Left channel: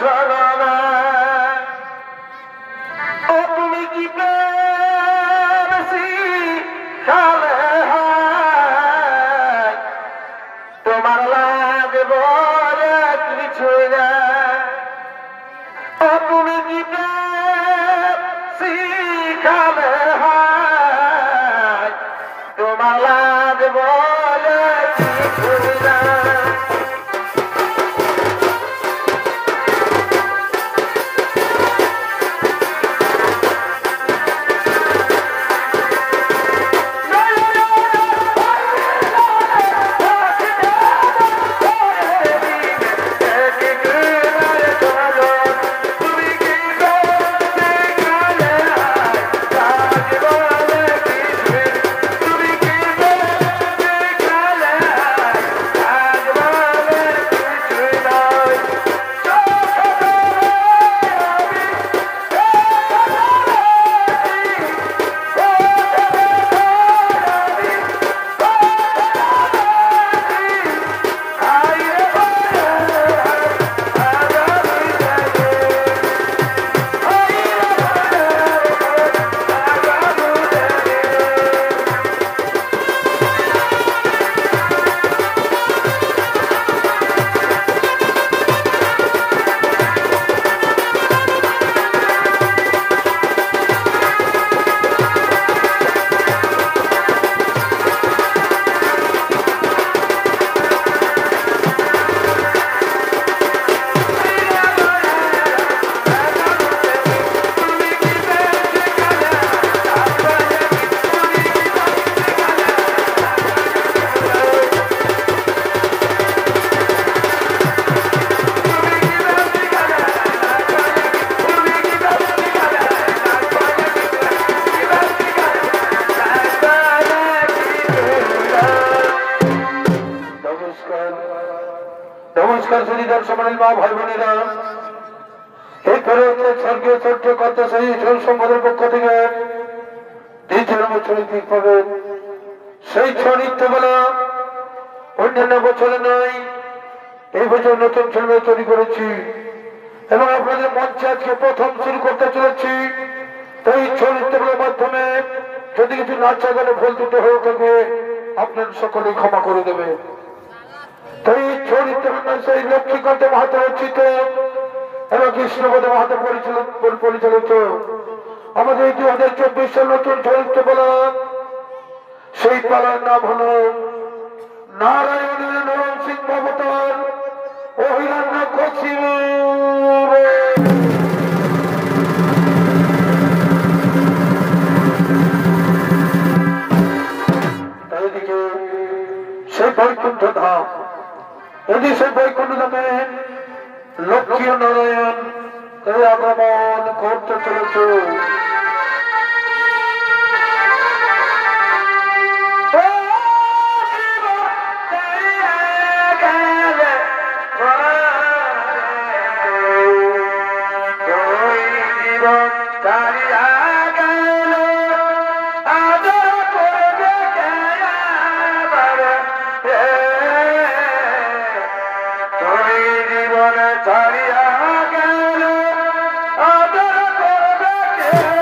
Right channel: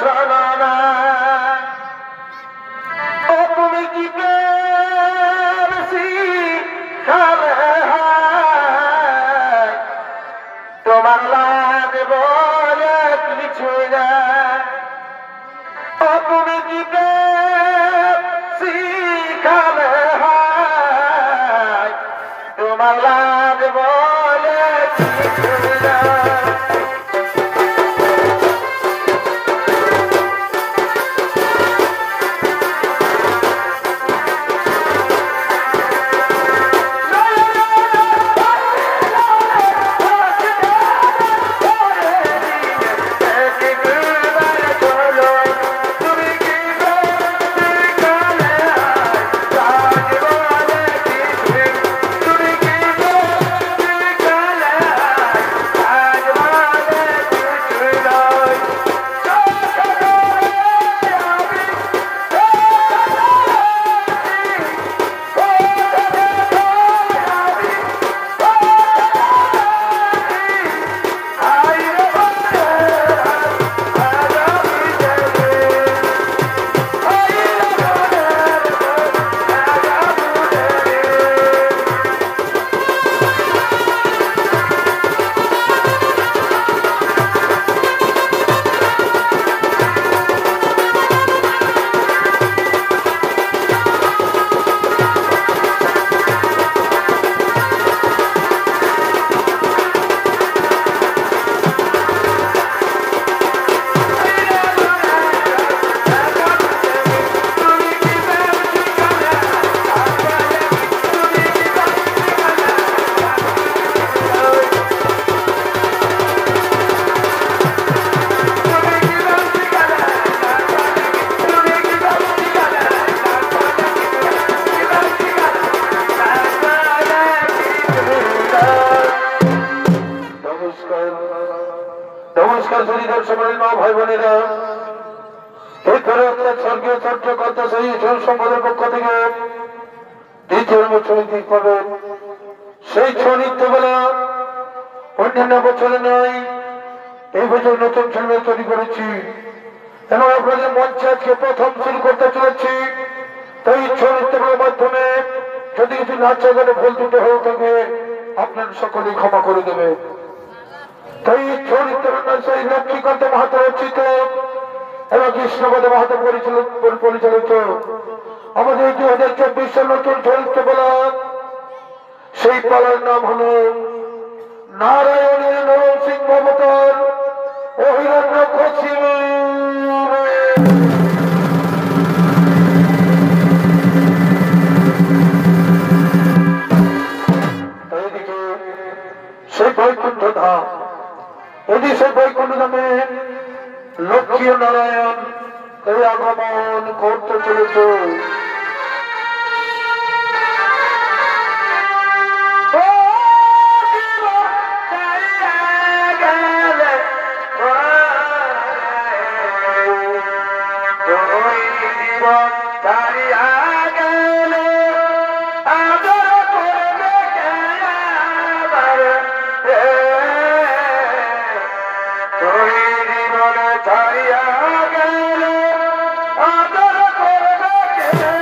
চলো না তুমি কি তোমার লাগে বলে কিছুই না তুমি কি শিখালে তোমার লাগে বলে কিছুই না নমস্কার শ্রীধর সমানের মা ভাই বোনেরা এই করে স্বর্গীয় চট্ট কথা সেই সংবাদের পক্ষ থেকে দ্বিতীয় ছড়িক পাবেন সেই ছৌ নৃত্যগুলো অন্যান্য বছরে নয় এই বছর নতুন ছৌ তৈরি করেছি এবং আপনাদের মঞ্চে আজকে প্রথম শুরু করতে চলেছি তো এই ছৌ নৃত্যগুলোর মাধ্যমে যদি কিছু নাচা গেলে ভুল ত্রুটি হয়ে থাকে আপনারা সকলেই ক্ষমা করে দেবেন তাই চরিত্র সেই লক্ষ্মীকান্ত মাহাতো রচিত এবং কৃষ্ণপদ মাহাতো পরিচালিত আমাদের 2024 সাল নতুন চরিত্র বলা সেই পালার নাম হল নারায়ণের নরসিংহ অবতার ও হিরণ্যকশিপু। এইদিকে সেই বৈকুণ্ঠ ধাম এদিকে বৈকুণ্ঠ ধামে লক্ষ্মী নারায়ণ এই আগমন করতে চলেছে। ছাড়িয়া গেল আদর করবে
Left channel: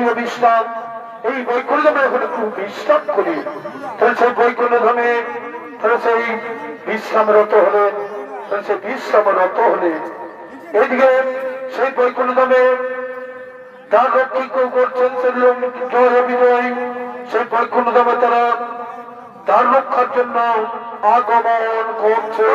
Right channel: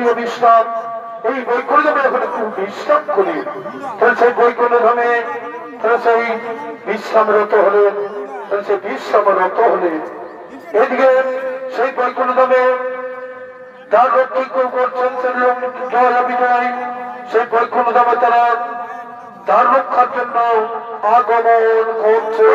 করিয়া বিশ্রাম, এই বৈকুণ্ঠ ধামে এখন একটু বিশ্রাম করি। তাহলে সেই বৈকুণ্ঠ ধামে তাহলে সেই বিশ্রামরত হলেন, তাহলে সেই বিশ্রামরত হলে এদিকে সেই বৈকুণ্ঠ ধামে যার রক্ষী করছেন সেগুলো জয় বিজয়, সেই বৈকুণ্ঠ ধামে তারা তার রক্ষার জন্য আগমন করছে।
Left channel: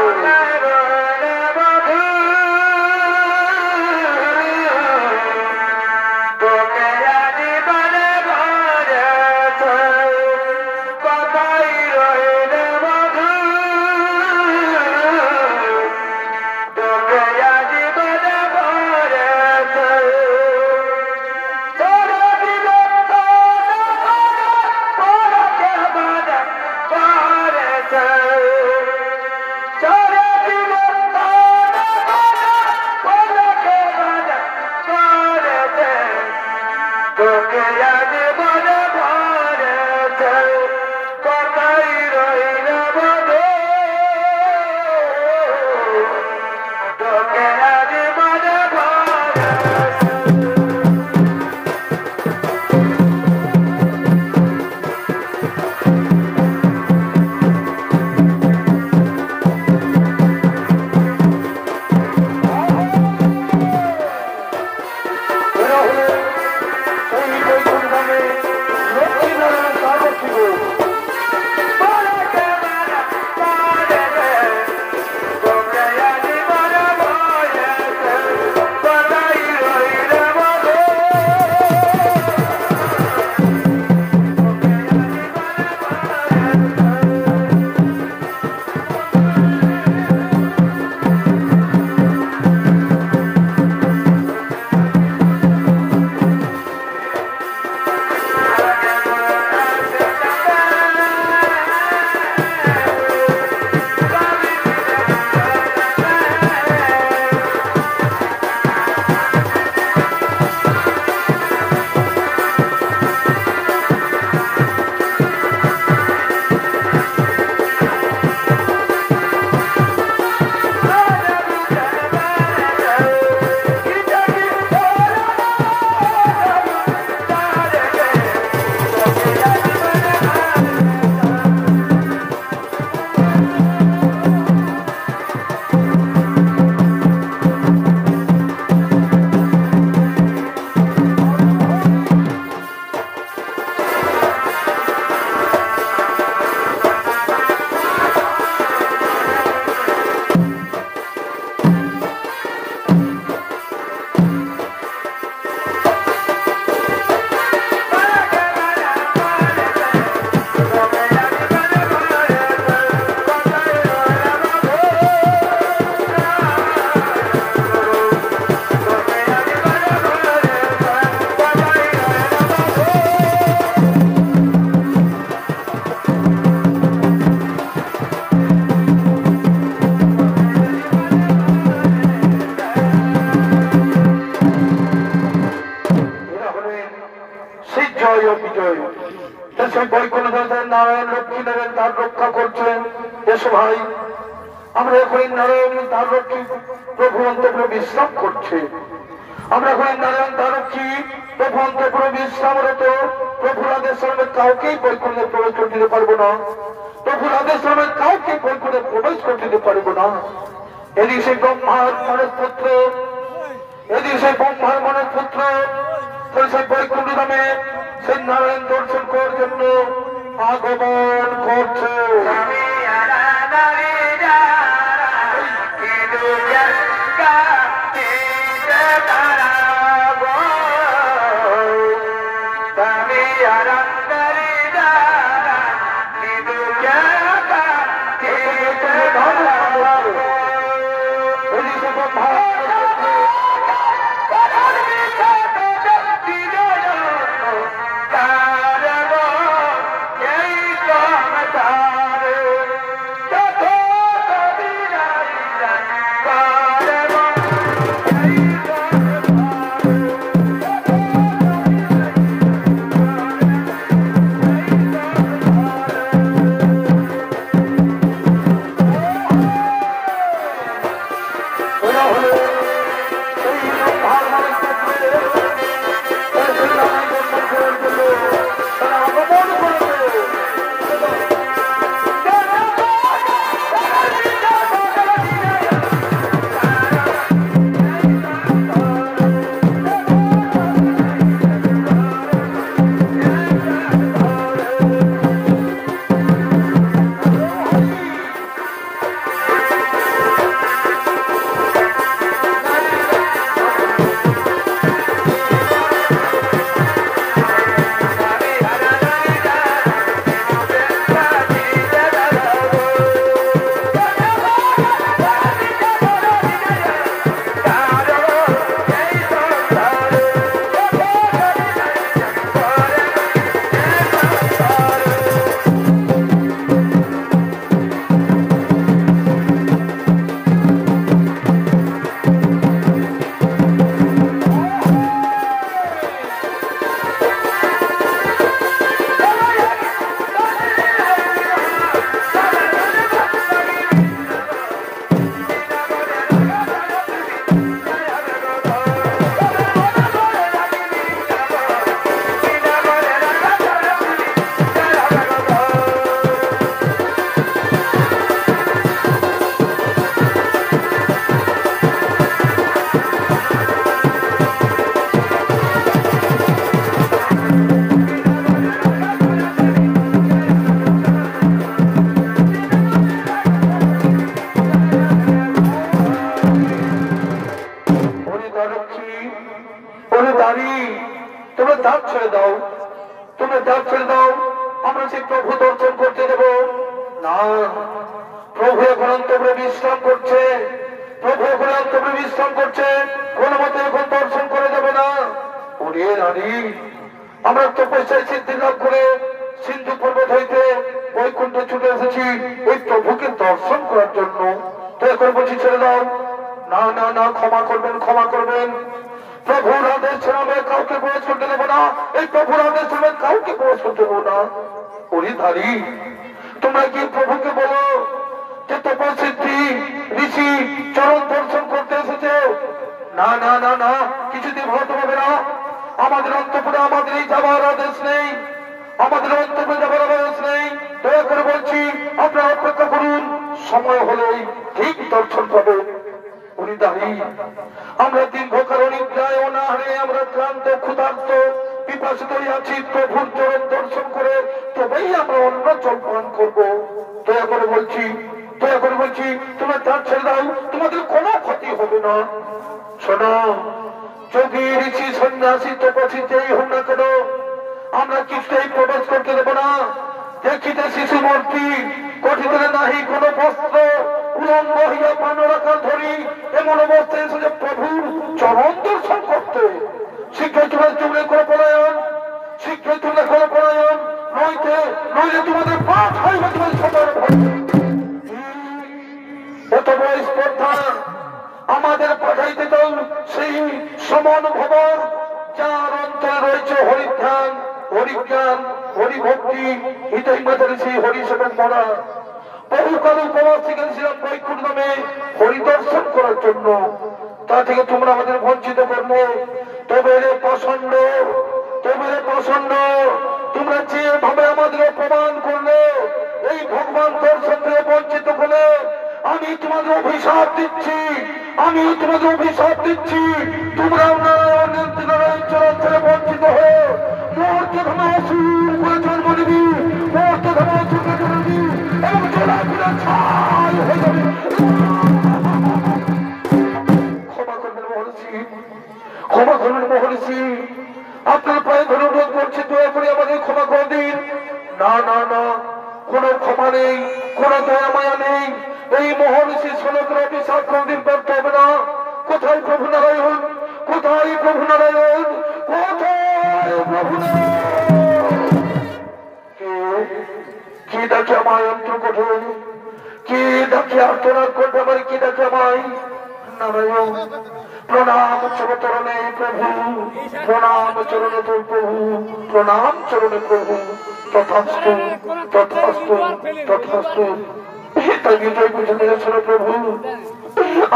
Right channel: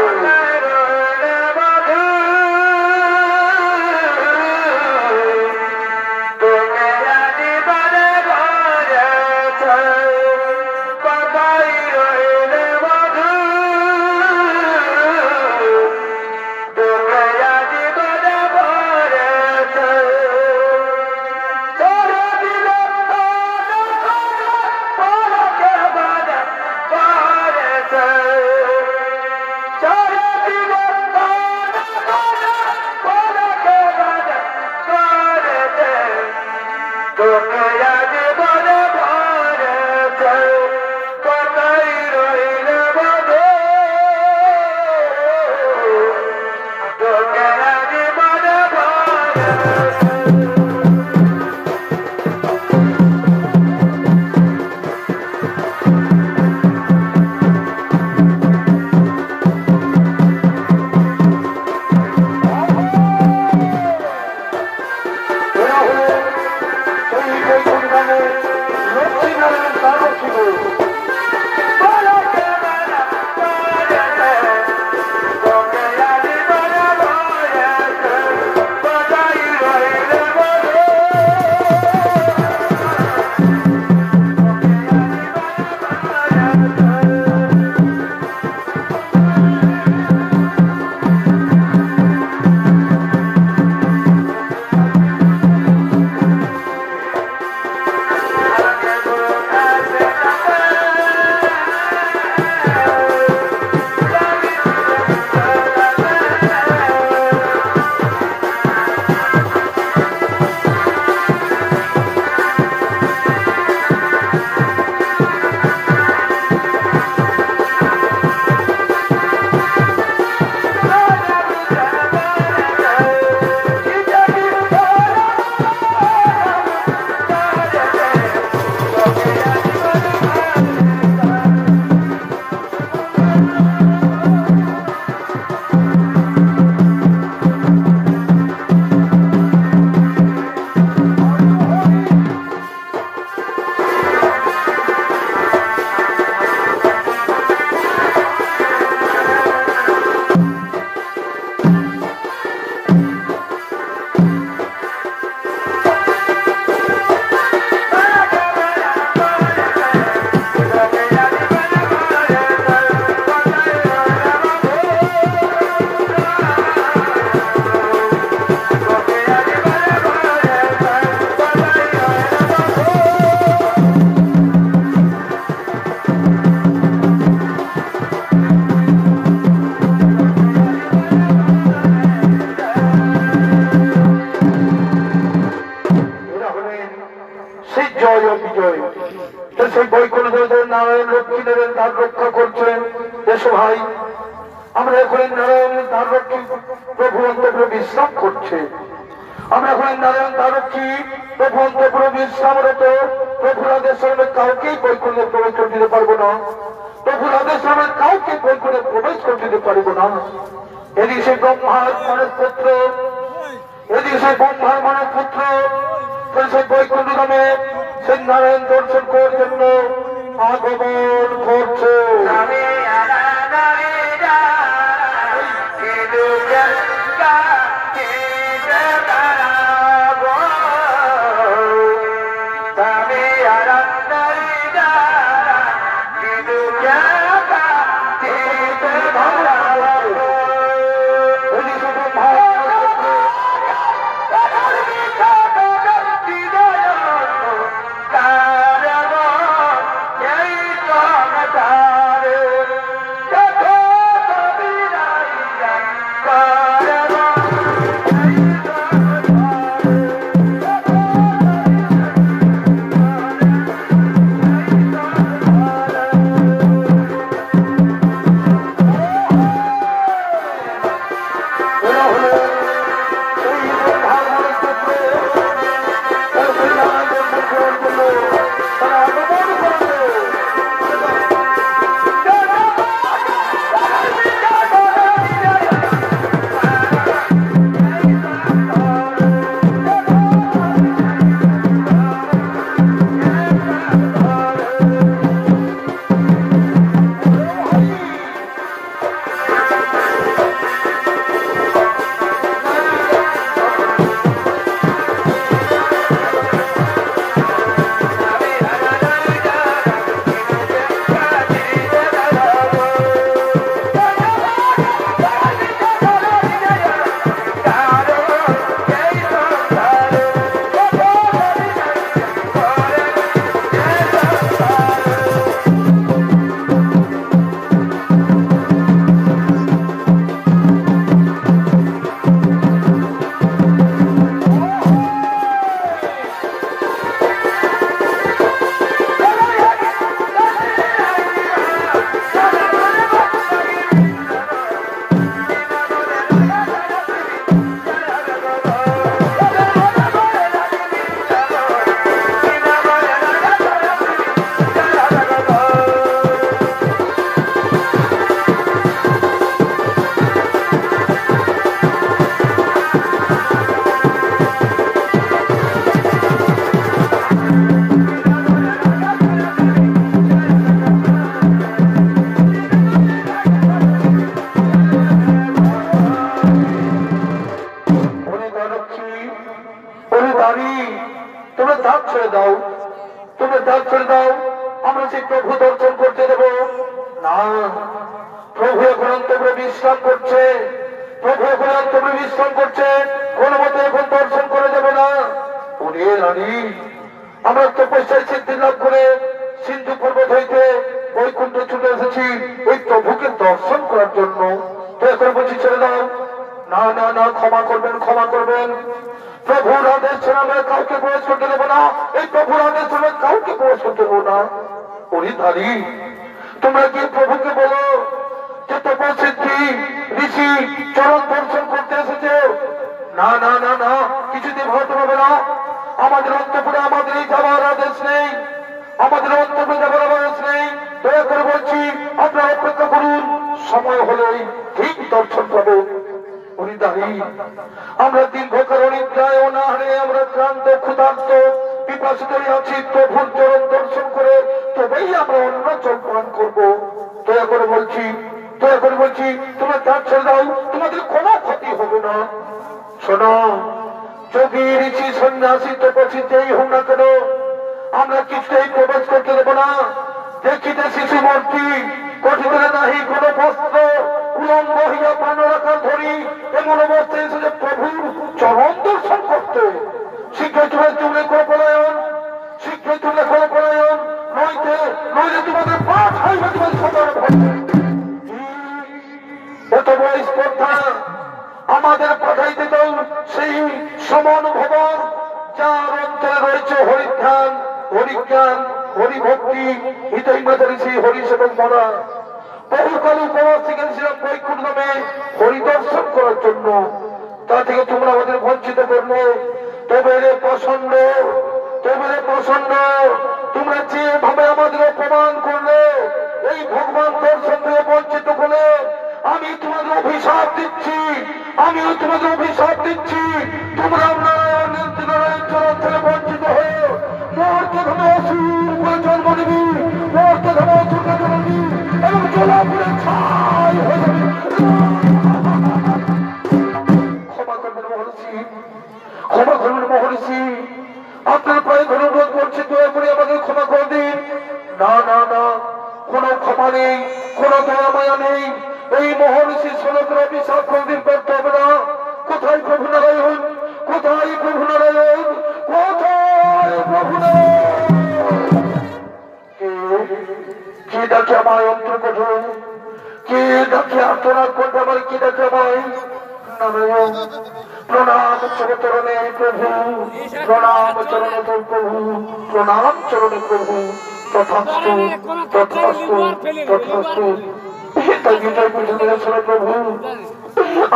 সেই বৈকুণ্ঠ নারায়ণ লক্ষ্মী দেবেন তার রক্ষা করছেন। এসো ভাই, আমরা এখন নারায়ণ তার রক্ষী প্রভু অন্তপুরে বিশ্রাম করছে। আমরা এখন নারায়ণ তার রক্ষী প্রভু অন্তপুরে বিশ্রামরত। প্রভুর আদেশ শ্রমের কাউকেই বৈকুণ্ঠে প্রবেশ করতে দিতে পারবো না। প্রভুর আদেশ শ্রমের কাউকে বৈকুণ্ঠে প্রবেশ করতে দিতে পারবো না। এদিকে সেই ব্রহ্মার মানের পুত্র, এদিকে সেই ব্রহ্মার মানের পুত্র সেই বৈকুণ্ঠ ধামে সেই নারায়ণ দর্শন করার জন্য আগমন করছে। করার জন্য তারা আগমন করেছে।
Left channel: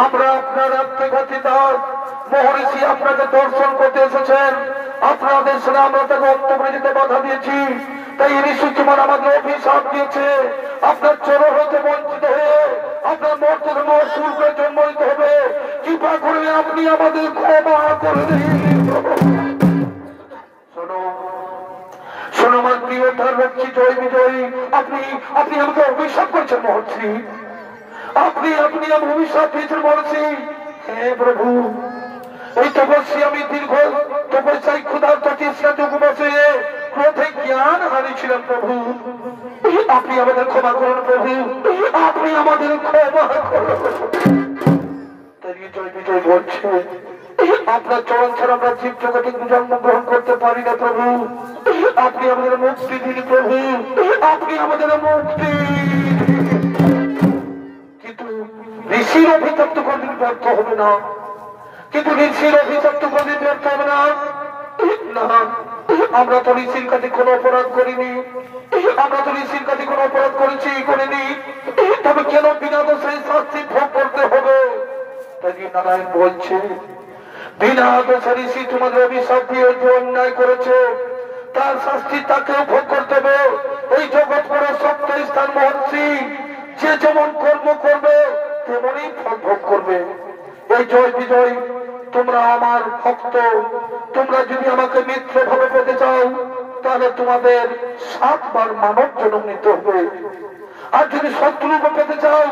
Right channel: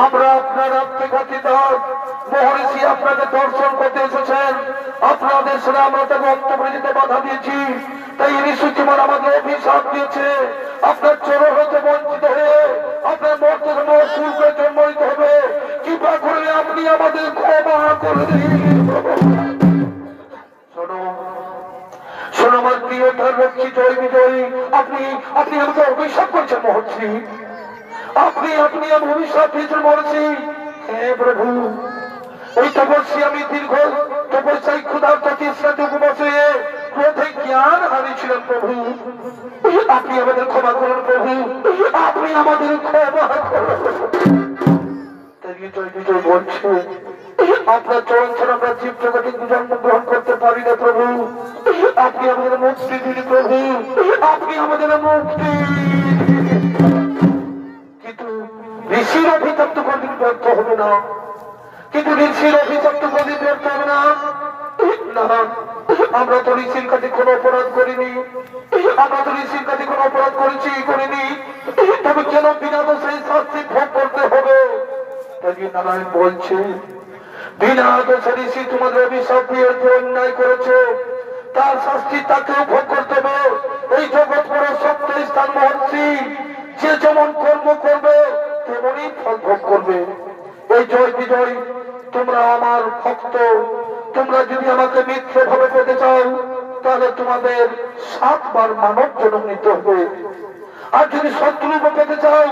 আমরা আপনার আত্মঘাতিত মহর্ষি আপনাকে দর্শন করতে এসেছেন। আপনাদের সাথে আমরা তাকে বক্তব্য দিতে বাধা দিয়েছি, তাই ঋষি কুমার আমাদের অভিশাপ দিয়েছে আপনার চোর হতে বঞ্চিত হয়ে আপনার মর্তে পূর্বে জন্ম নিতে হবে। কৃপা করে আপনি আমাদের ক্ষমা করে দিন। শোনো শোনো আমার প্রিয় ধর্মক্ষী জয় বিজয়ী, আপনি আপনি আমাকে অভিশাপ করেছেন মহর্ষি, আপনি আপনি আমি অভিশাপ দিয়েছেন মহর্ষি। হ্যাঁ প্রভু, ওই তপস্যা আমি দীর্ঘ তপস্যায় ক্ষুধার্ত তৃষ্ণাতে উপবাসে ক্রোধে জ্ঞান হারিয়েছিলাম প্রভু, আপনি আমাদের ক্ষমা করুন প্রভু, আপনি আমাদের ক্ষমা করুন। জয় বিজয় বলছে আপনার চরণ ছাড়া আমরা জীব জগতে জন্মগ্রহণ করতে পারি না প্রভু, আপনি আমাদের মুক্তি দিন প্রভু, আপনি আমাদের মুক্তি। কিন্তু ঋষির অভিশপ্ত কোনদিন ব্যর্থ হবে না, কিন্তু ঋষির অভিশপ্ত কোনদিন ব্যর্থ হবে না। না, আমরা তো ঋষির কাছে কোনো অপরাধ করিনি, আমরা তো ঋষির কাছে কোনো অপরাধ করিনি, তবে কেন বিনা দোষে শাস্তি ভোগ করতে হবে? নারায়ণ বলছে বিনা দোষে ঋষি তোমাদের অভিশাপ দিয়ে যে অন্যায় করেছে তার শাস্তি তাকেও ভোগ করতে হবে। এই জগৎ বড় সত্য স্থান মহর্ষি, যে যেমন কর্ম করবে তেমনই ফল ভোগ করবে। এই জয় বিজয় তোমরা আমার ভক্ত, তোমরা যদি আমাকে মিত্র ভাবে পেতে চাও তাহলে তোমাদের 7 বার মানব জন্ম নিতে হবে, আর যদি শত্রুকে পেতে চাও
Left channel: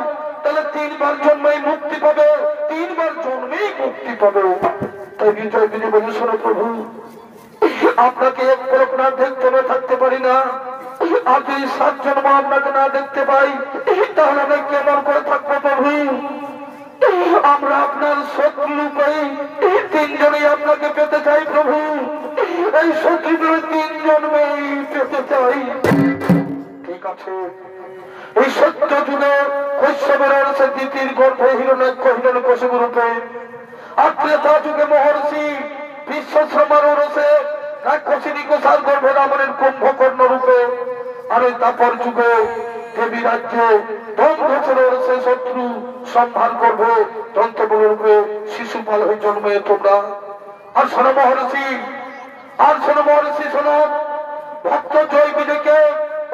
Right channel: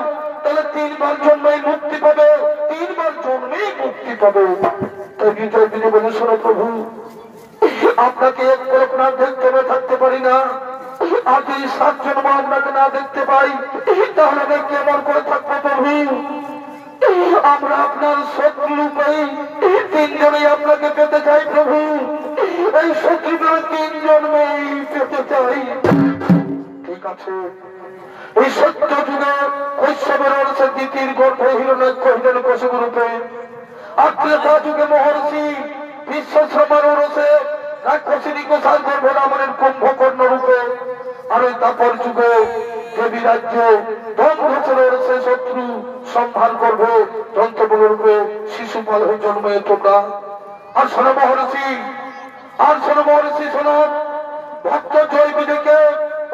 তাহলে 3 বার জন্মেই মুক্তি পাবে, 3 বার জন্মেই মুক্তি পাবে। তাই বিজয় বিজয় বলে শোনো প্রভু, আপনাকে এক পলক না দেখতে থাকতে পারি না, আর যদি 7 জন্ম আপনাকে না দেখতে পাই তাহলে আমি কেমন করে থাকবো প্রভু? আমরা আপনার শত্রু রূপেই 3 জনেই আপনাকে পেতে চাই প্রভু, এই শত্রুদের 3 জন্মেই পেতে চাই। ঠিক আছে, এই সত্য যুগে কৈশবের অংশে দ্বিতীয় গর্ভে হিরণ্যাক্ষ হিরণ্যকশিপু রূপে, আর ত্রেতা যুগে মহর্ষি বিশ্বশ্রমার ওরসে রাক্ষসিনী কোষার গর্ভে রাবণের কুম্ভকর্ণ রূপে, আর ওই তাপর যুগে দেবী রাজ্যে দন্তবছর ওরসে শত্রু সম্ভার গর্ভে দন্তবল রূপে শিশুপাল হয়ে জন্মে তোমরা। আর শোনো মহর্ষি, শোনো ভক্ত জয় বিজয়কে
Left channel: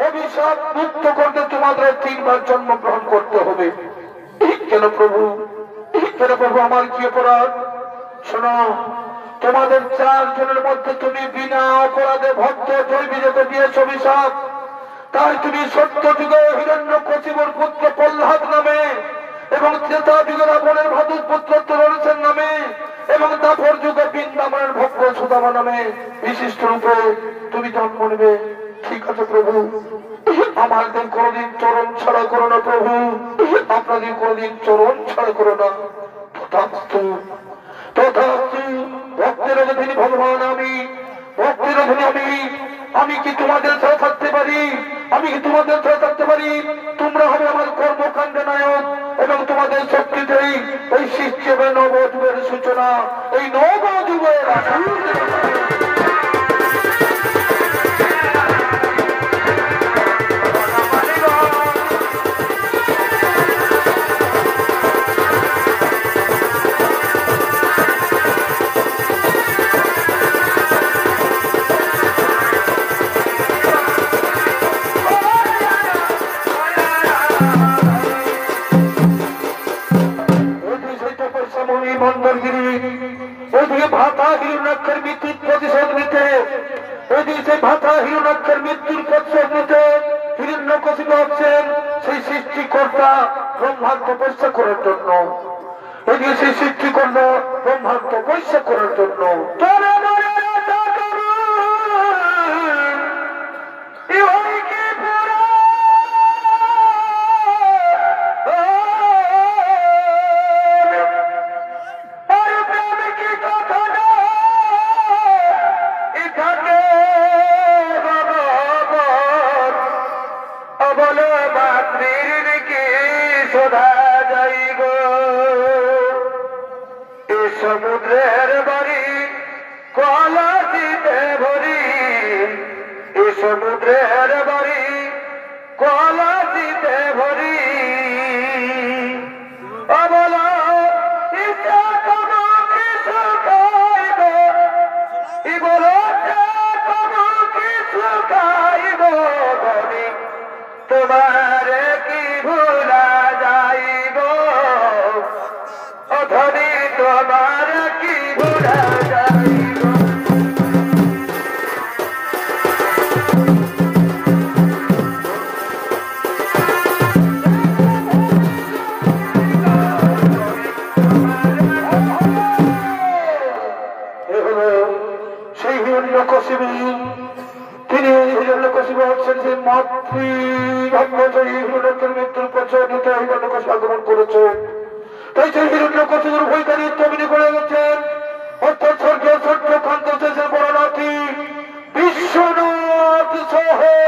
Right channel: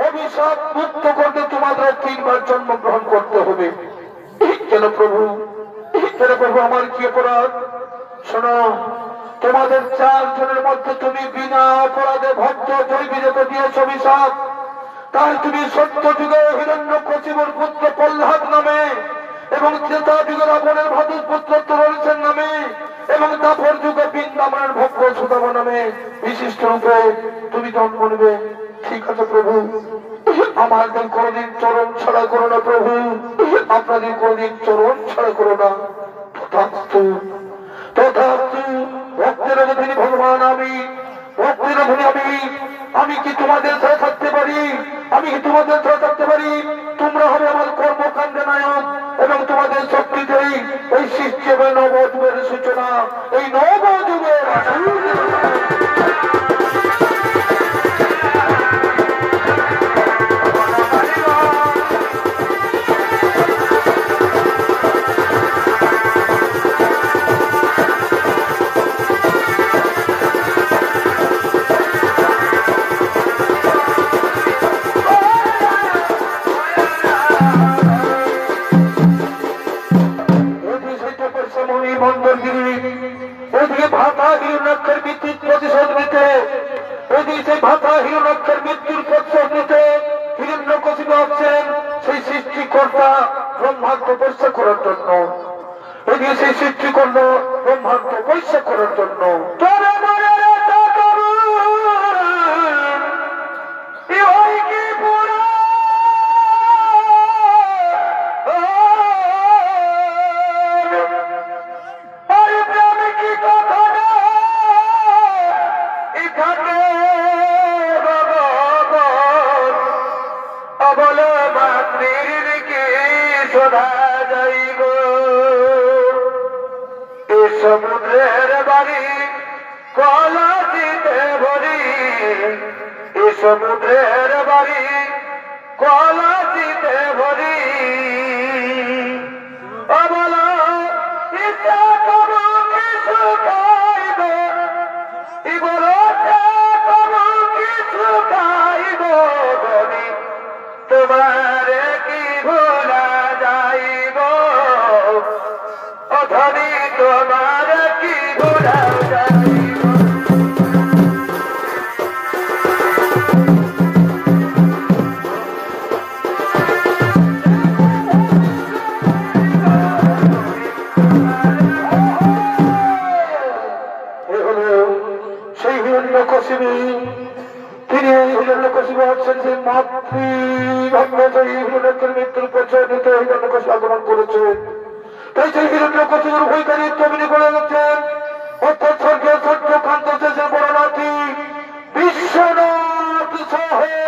অভিশাপ মুক্ত করতে তোমাদের 3 বার জন্মগ্রহণ করতে হবে। কেন প্রভু, কেন প্রভু, আমার কি অপরাধ? শোনো, তোমাদের 4 জনের মধ্যে তুমি বিনা অপরাধে ভক্ত জয় বিজয়কে দিয়েছ অভিশাপ, তাই তুমি সত্য যুগে হিরণ্যকশিপুর পুত্র প্রহ্লাদ নামে, এবং ত্রেতা যুগে রাবণের ভাদুর পুত্র তরণের নামে, এবং তারপর যুগে বৃন্দাবনের ভক্ত সুদামা নামে বিশিষ্ট রূপে তুমি জন্ম নেবে। ঠিক আছে প্রভু, আমাদের কোনদিন চরণ ছাড়া করো না প্রভু, আপনাদের কোনদিন চরণ ছাড়া করো না। তথাস্তু তথাস্তু। ভক্তের অধীনী ভগবান আমি, ভক্তের অধীনী আমি কি তোমাদের ছাড়া থাকতে পারি? আমি কি তোমাদের ছাড়া থাকতে পারি? তোমরা হবে আমার কর্মকাণ্ডে নায়ক, এবং তোমাদের শক্তিতেই এই সৃষ্টি হবে নবযুগের সূচনা, এই নবযুগের। ওইদিকে ভাতা হিরণ্যাক্ষের মৃত্যুর প্রতিশোধ নিতে, ওইদিকে ভাতা হিরণ্যাক্ষের মৃত্যুর প্রতিশোধ নিতে হিরণ্যকশিপু আসছেন সেই সৃষ্টিকর্তা ব্রহ্মাণ্ড তপস্যা করার জন্য। এদিকে সেই সৃষ্টিকর্ণ ব্রহ্মাণ্ড তপস্যা করার জন্য। সমুদ্রের বাড়ি কলা দিতে ভরি, এ সমুদ্রের বাড়ি কলা দিতে ভরি, বলো ইচ্ছা করো কিছু খাইব, বলো তোমারে কি ভোলা যাইব ধনী তোমারে কি ভোলা যাইব সেই হিরণ্যকশিপী তিনি হিরণ্যকশিপু হচ্ছেন যে মাতৃভঙ্গজয়ী হিরণ্যকের মৃত্যুর প্রচলিত হিরণ্যকশিপু আগমন করেছে তাই সেই হিরণ্যকশিপুর বৈজ্ঞানিক তৈরি করে গেছেন অর্থাৎ স্বর্গীয় চন্দ্রকান্ত শেষের বড় নাতি বিশ্বনাথ সহে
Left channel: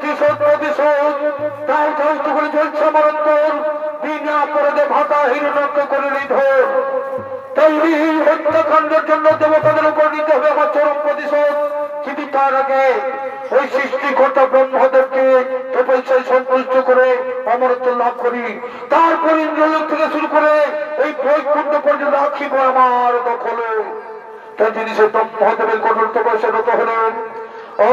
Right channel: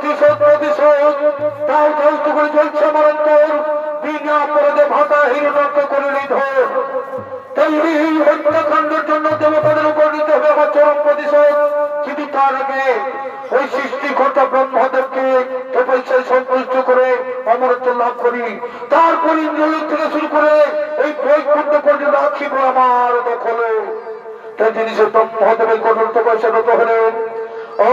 প্রতিশোধ তাই চলতে করে চলছে আমার অন্তর বিনা অপরাধে ভাতা হীনরক্ত করে নিধন। তাই এই হত্যাকাণ্ডের জন্য দেবতাদের উপর নিতে হবে আমার চরম প্রতিশোধ। কিন্তু তার আগে ওই সৃষ্টিকর্তা ব্রহ্মদেবকে তপস্যায় সন্তুষ্ট করে অমরত্ব লাভ করি। তারপর ইন্দ্রলোক থেকে শুরু করে এই বৈকুণ্ঠ পর্যন্ত রাখিব আমার দখলে। তাই জিনিসে ব্রহ্মদেবের কঠোর তপস্যা রত হলেন। ও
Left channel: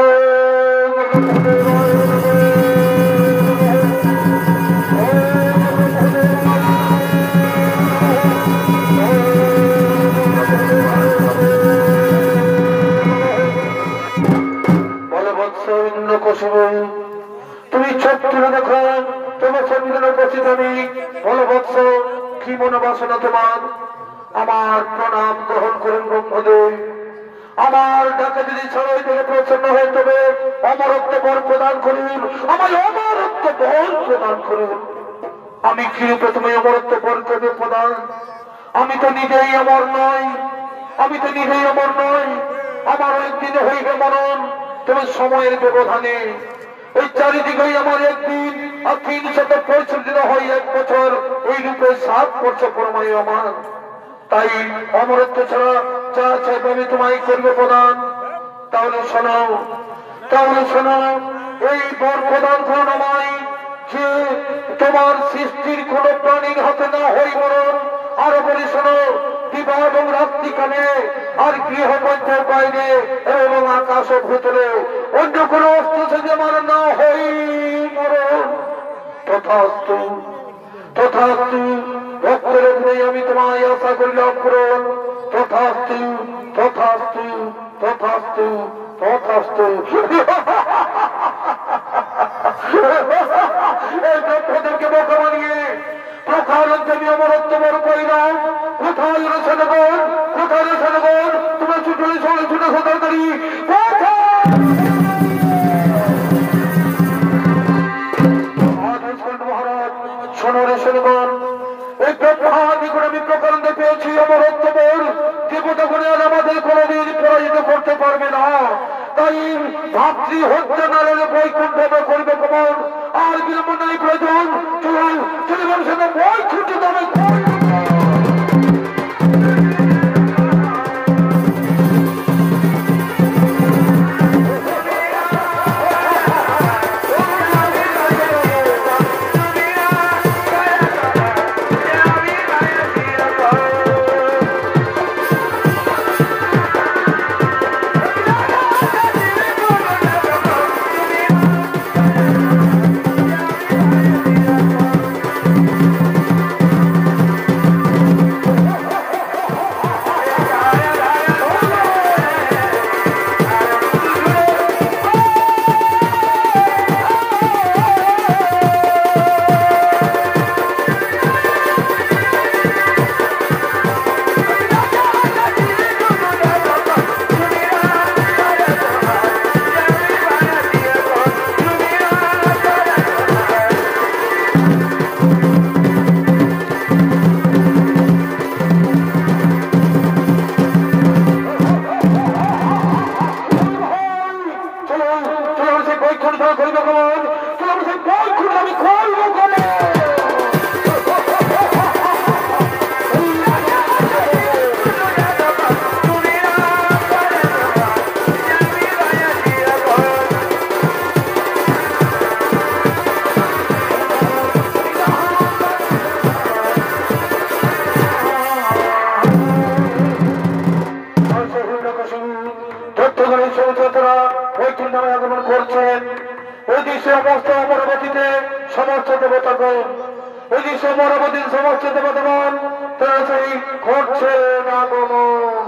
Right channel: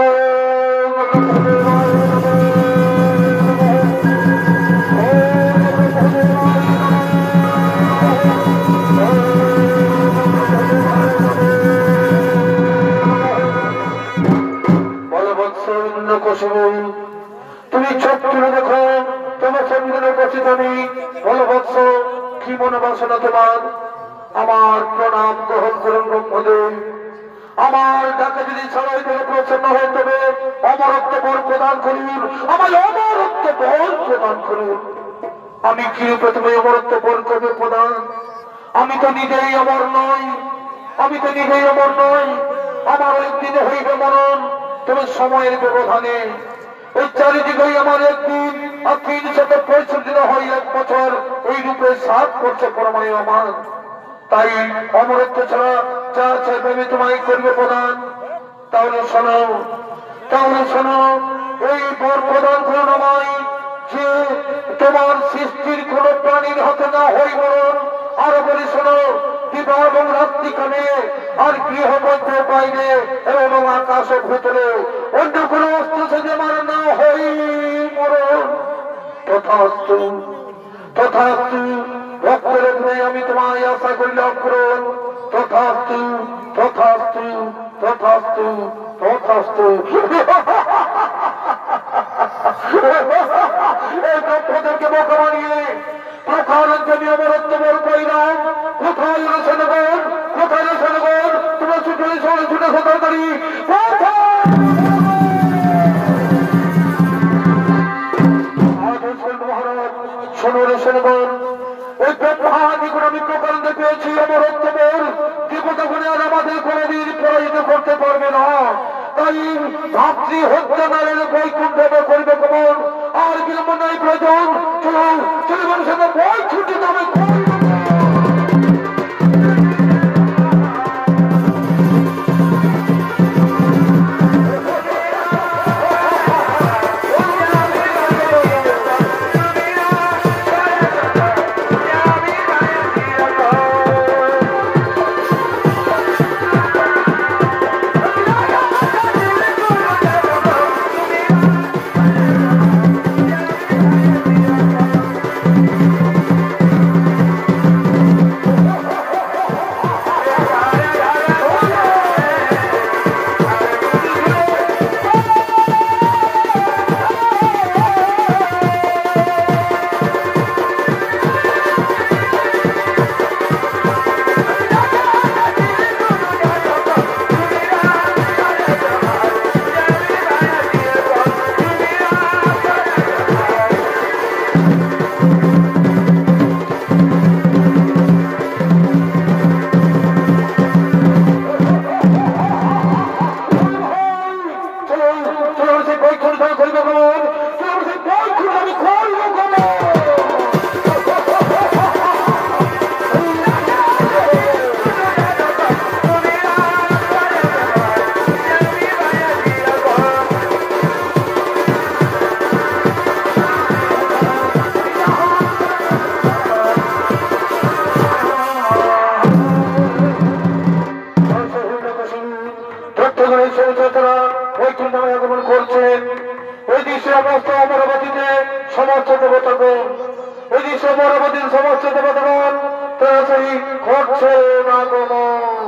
তুমি চোখ তুলে দেখো, তোমার সন্ধানে উপস্থিত আমি। বলবৎস কি মনোবাসনা তোমার? আমার প্রণাম গ্রহণ করুন ব্রহ্মদেব। আমার ডাকে যদি সবাই থেকে প্রসন্ন হয়ে তবে অমরত্ব বর প্রদান করুন, আমার অমরত্ব বর প্রদান করুন। আমি কি রূপে তুমি অমরত্ব বর করবে প্রদান? আমি তো নিজেই অমর নই, আমার একদিনে হইবে মরণ। তবে সময়ের ব্যবধানে ওই চারিদিকেই আমার একদিন আর 365 দিন হয় 1 বছর, এই রূপে 7 বছর পরমায় আমার। তাই অমরত্ব ছাড়া যা চাইবে আমি তোমায় করবে প্রদান। তাহলে শোনো, এই বর প্রদান করুন আমায়, যে তোমার সৃষ্টির কোন প্রাণীর হাতে না হই মরণ। আরো বলি শোনো, দিবা এবং রাত্রিকালে আর গৃহ মধ্যে বাইরে এবং আকাশের ভেতরে অন্য কোন অস্ত্র থেকে আমার না হই মরণ। তথাস্তু ভক্তের অগ্নি আমি তোমায় আশা করিলাম পূরণ। তথাস্তু। এই ব্রহ্মদেবকে বোকা বানিয়ে প্রকার দেবী অমরত্ব বর করিলাম। কোথায় রয়েছে নগর? তুমি ছুটে সদর করি মহারাজ। শোনগণ, এই ব্রহ্মাদিগুণ আমি প্রকারণে পেয়েছি অমরত্ব বর। দেবতাগুণে আর আমাদের কোনদিন পরাজিত করতে পারবে না। তাই ভাতৃ হত্যা নারের বৈকুণ্ঠ করবে কমন। আর বিলম্ব নাই প্রয়োজন, চলে মানুষের বৈকুণ্ঠ যাবে। করছেন। এই দৃশ্য অবস্থা অমরাবতীতে সমস্ত দেবতাগণ, এই দৃশ্য অমরাবতীর সমস্ত দেবতাগণ তাড়াতাড়ি ঘটছে না গমন।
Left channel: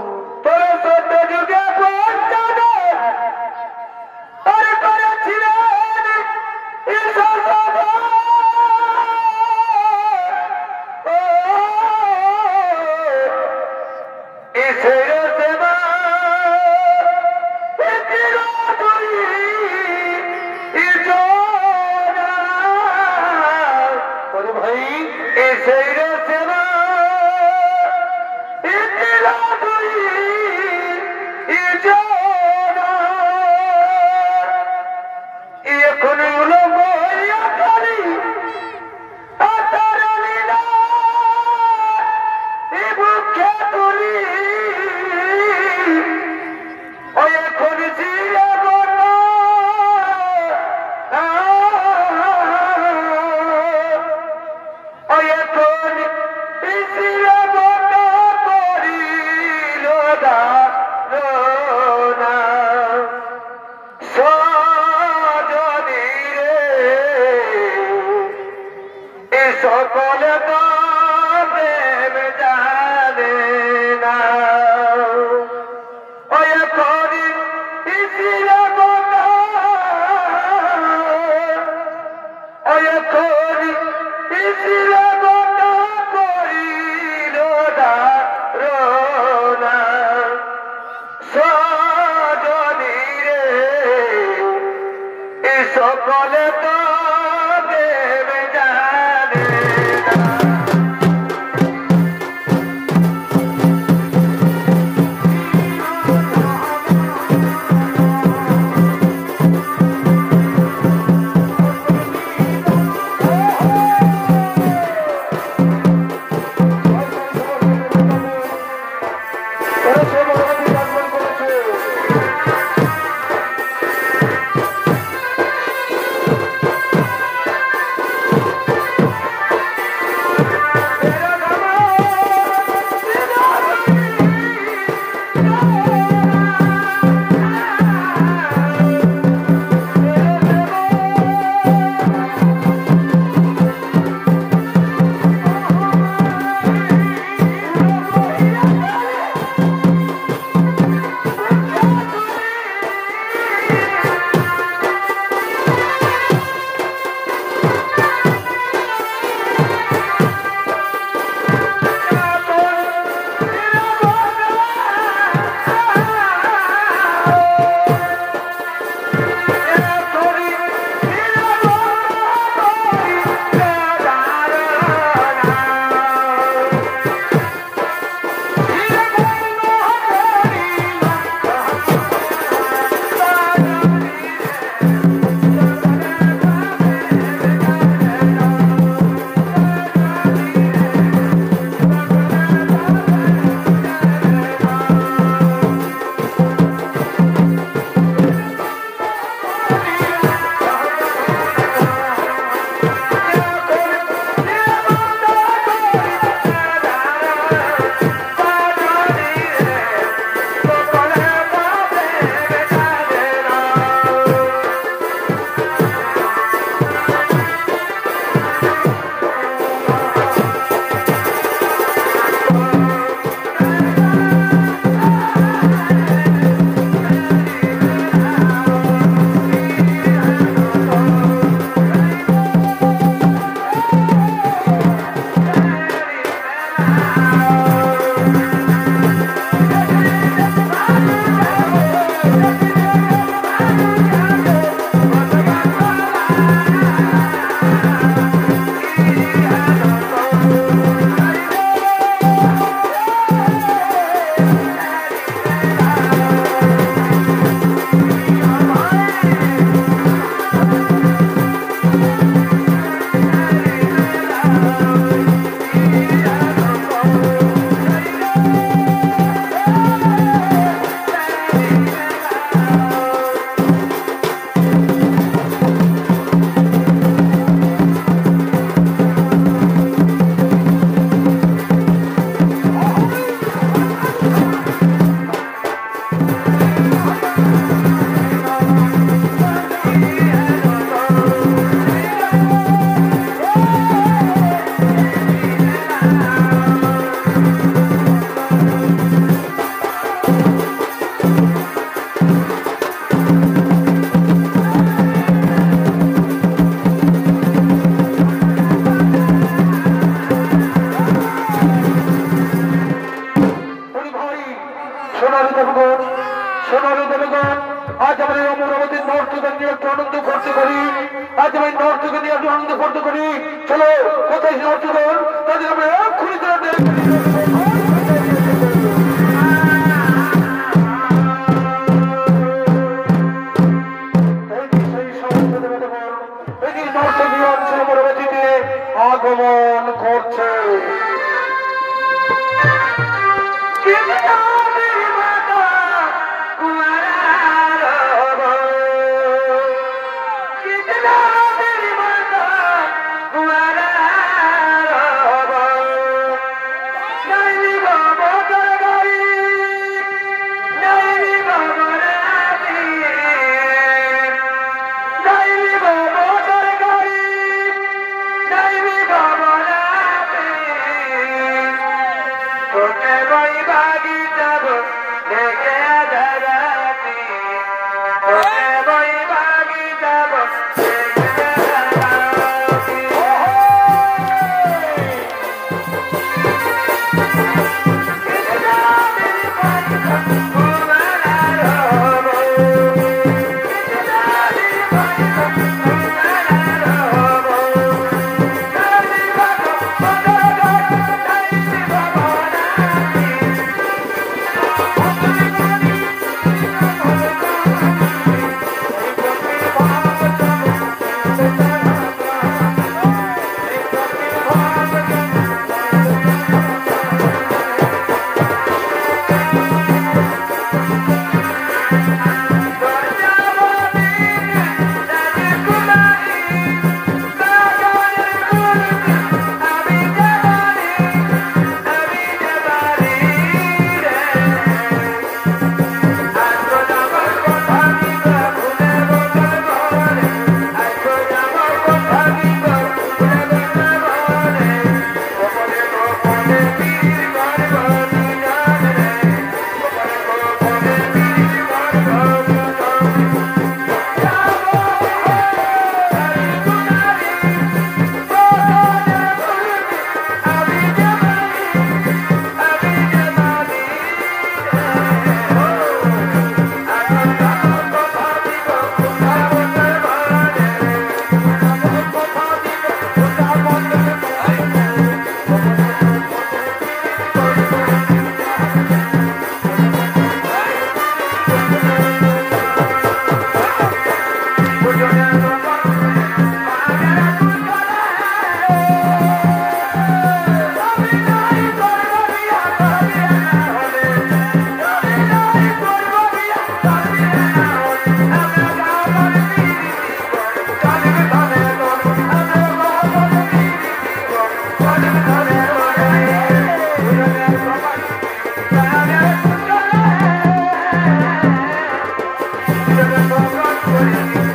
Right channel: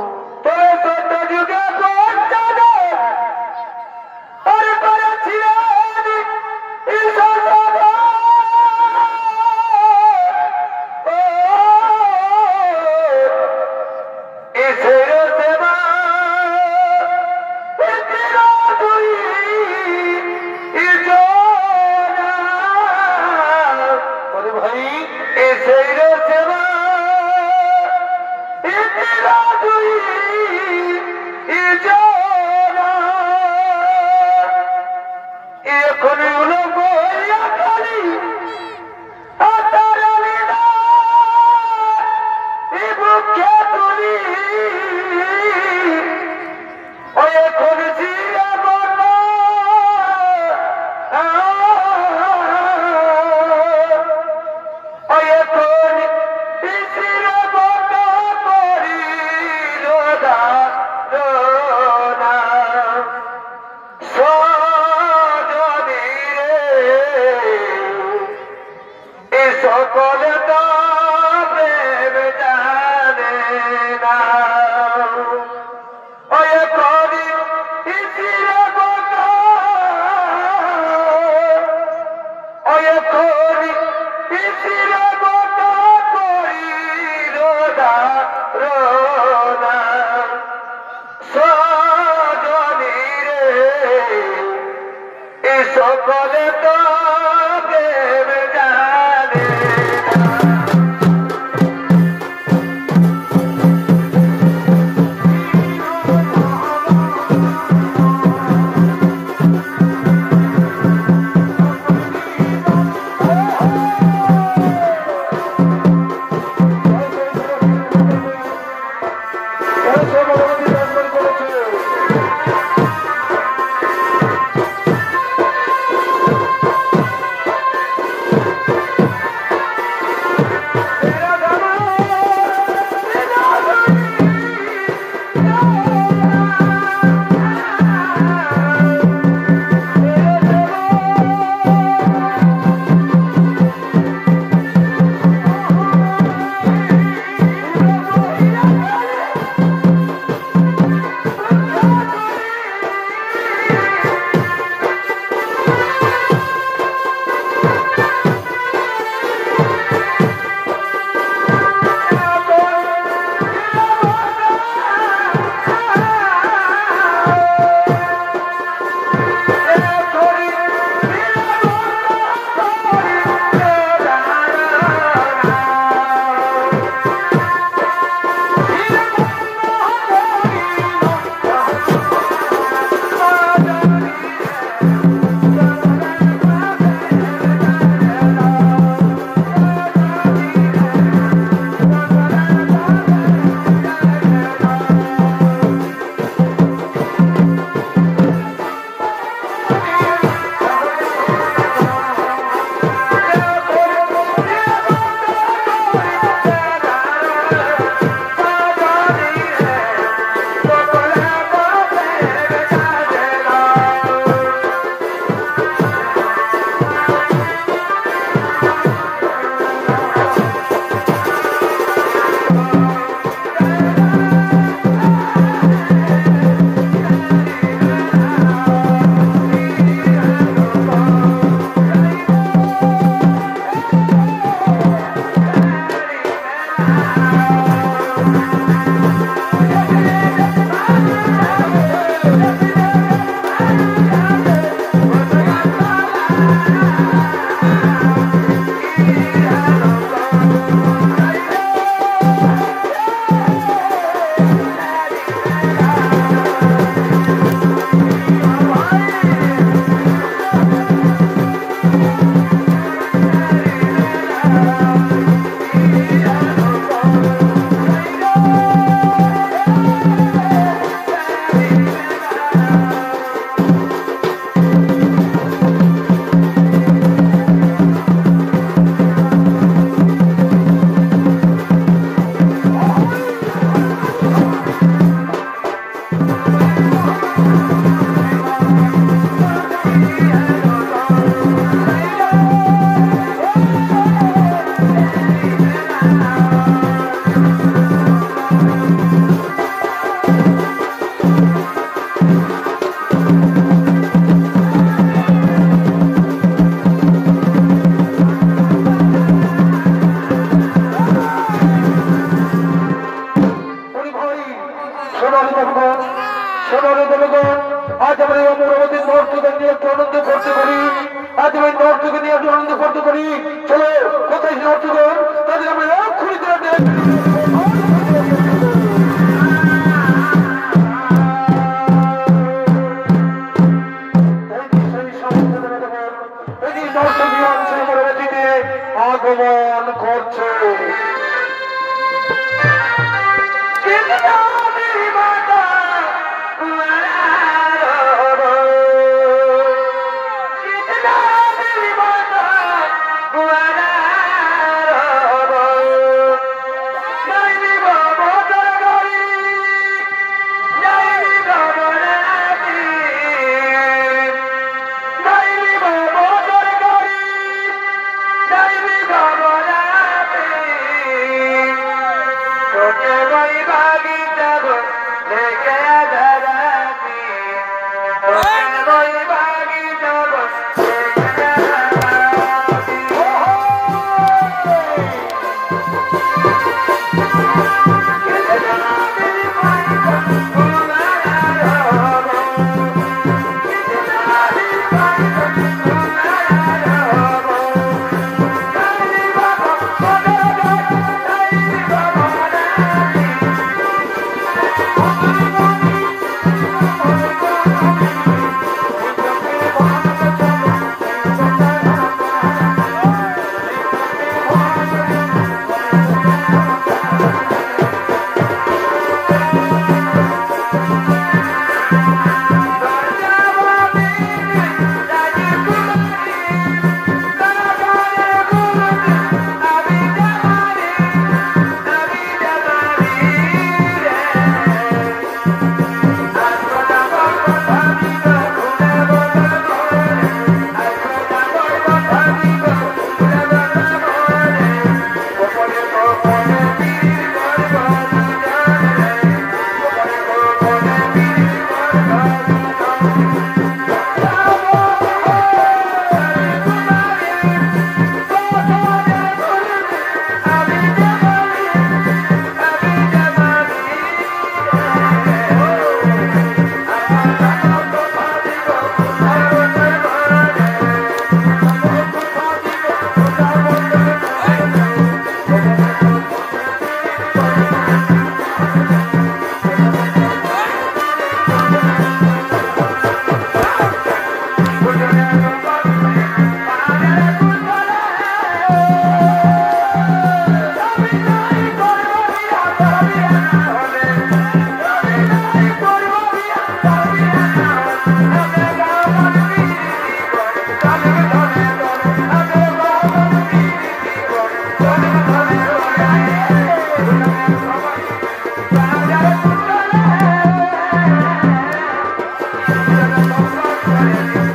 আগমন করছে।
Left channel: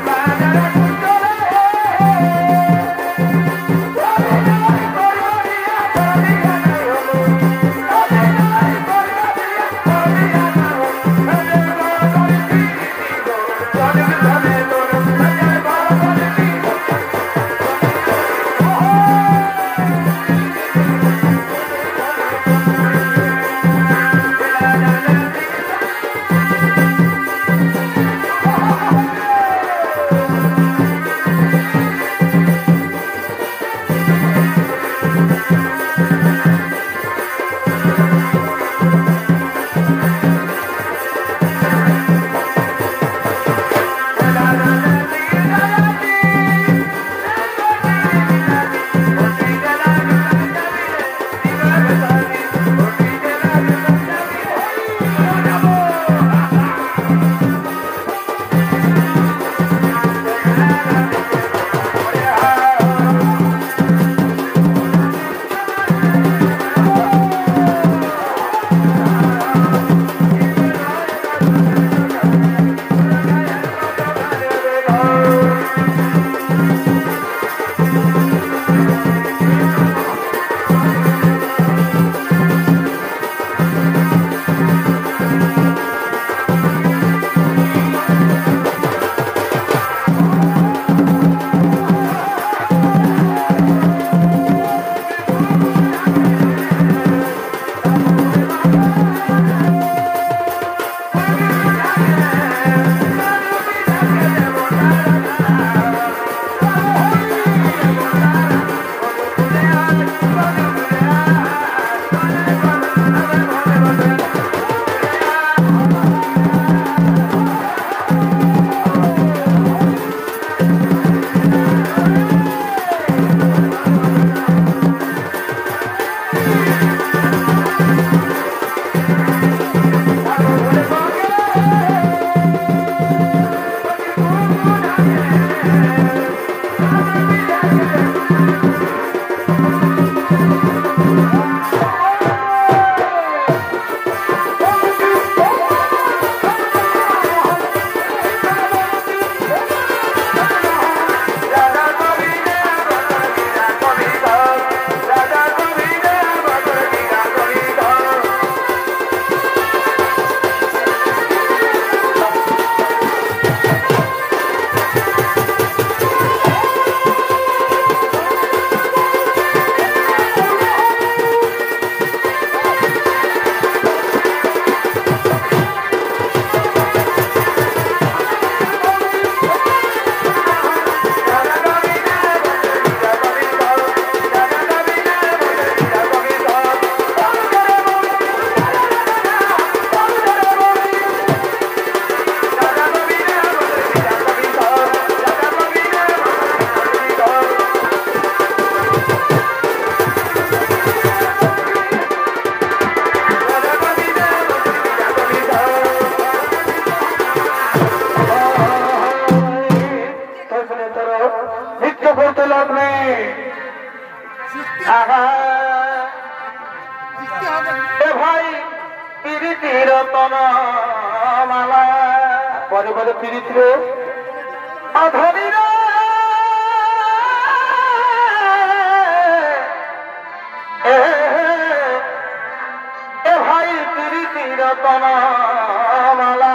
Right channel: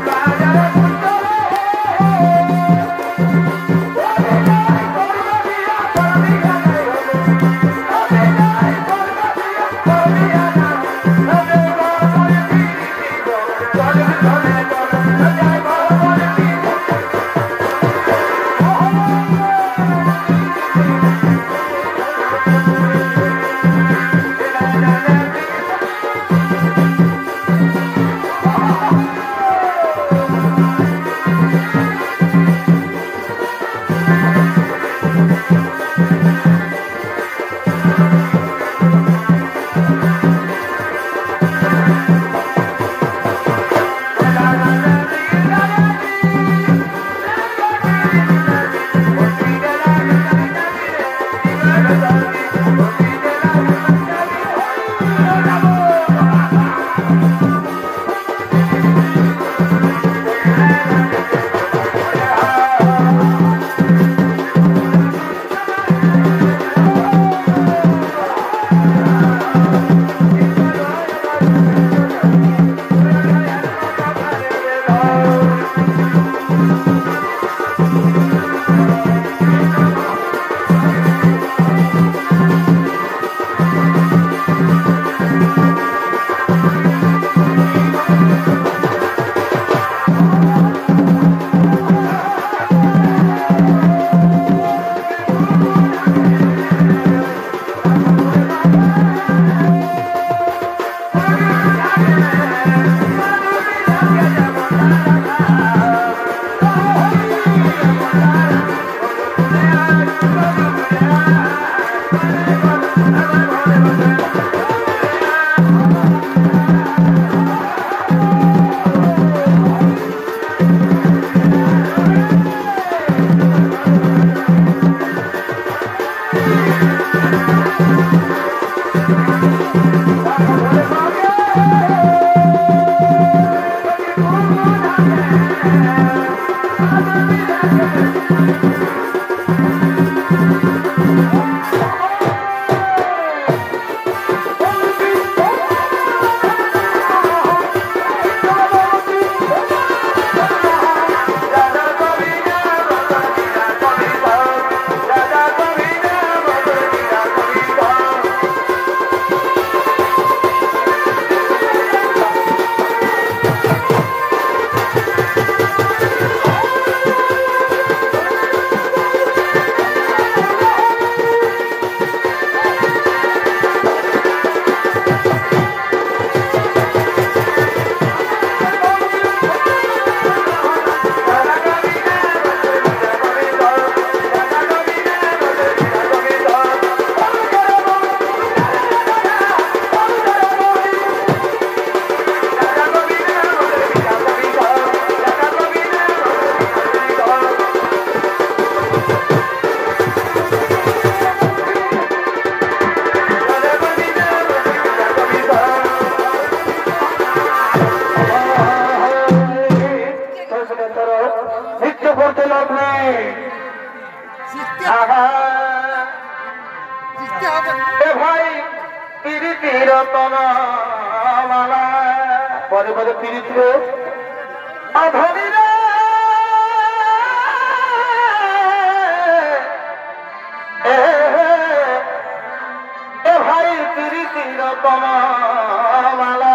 Bye. লাগবে ভাই পিড়িতির মালা পরে পরে পিড়িত রে অধরির ভাই পিড়িতির মালা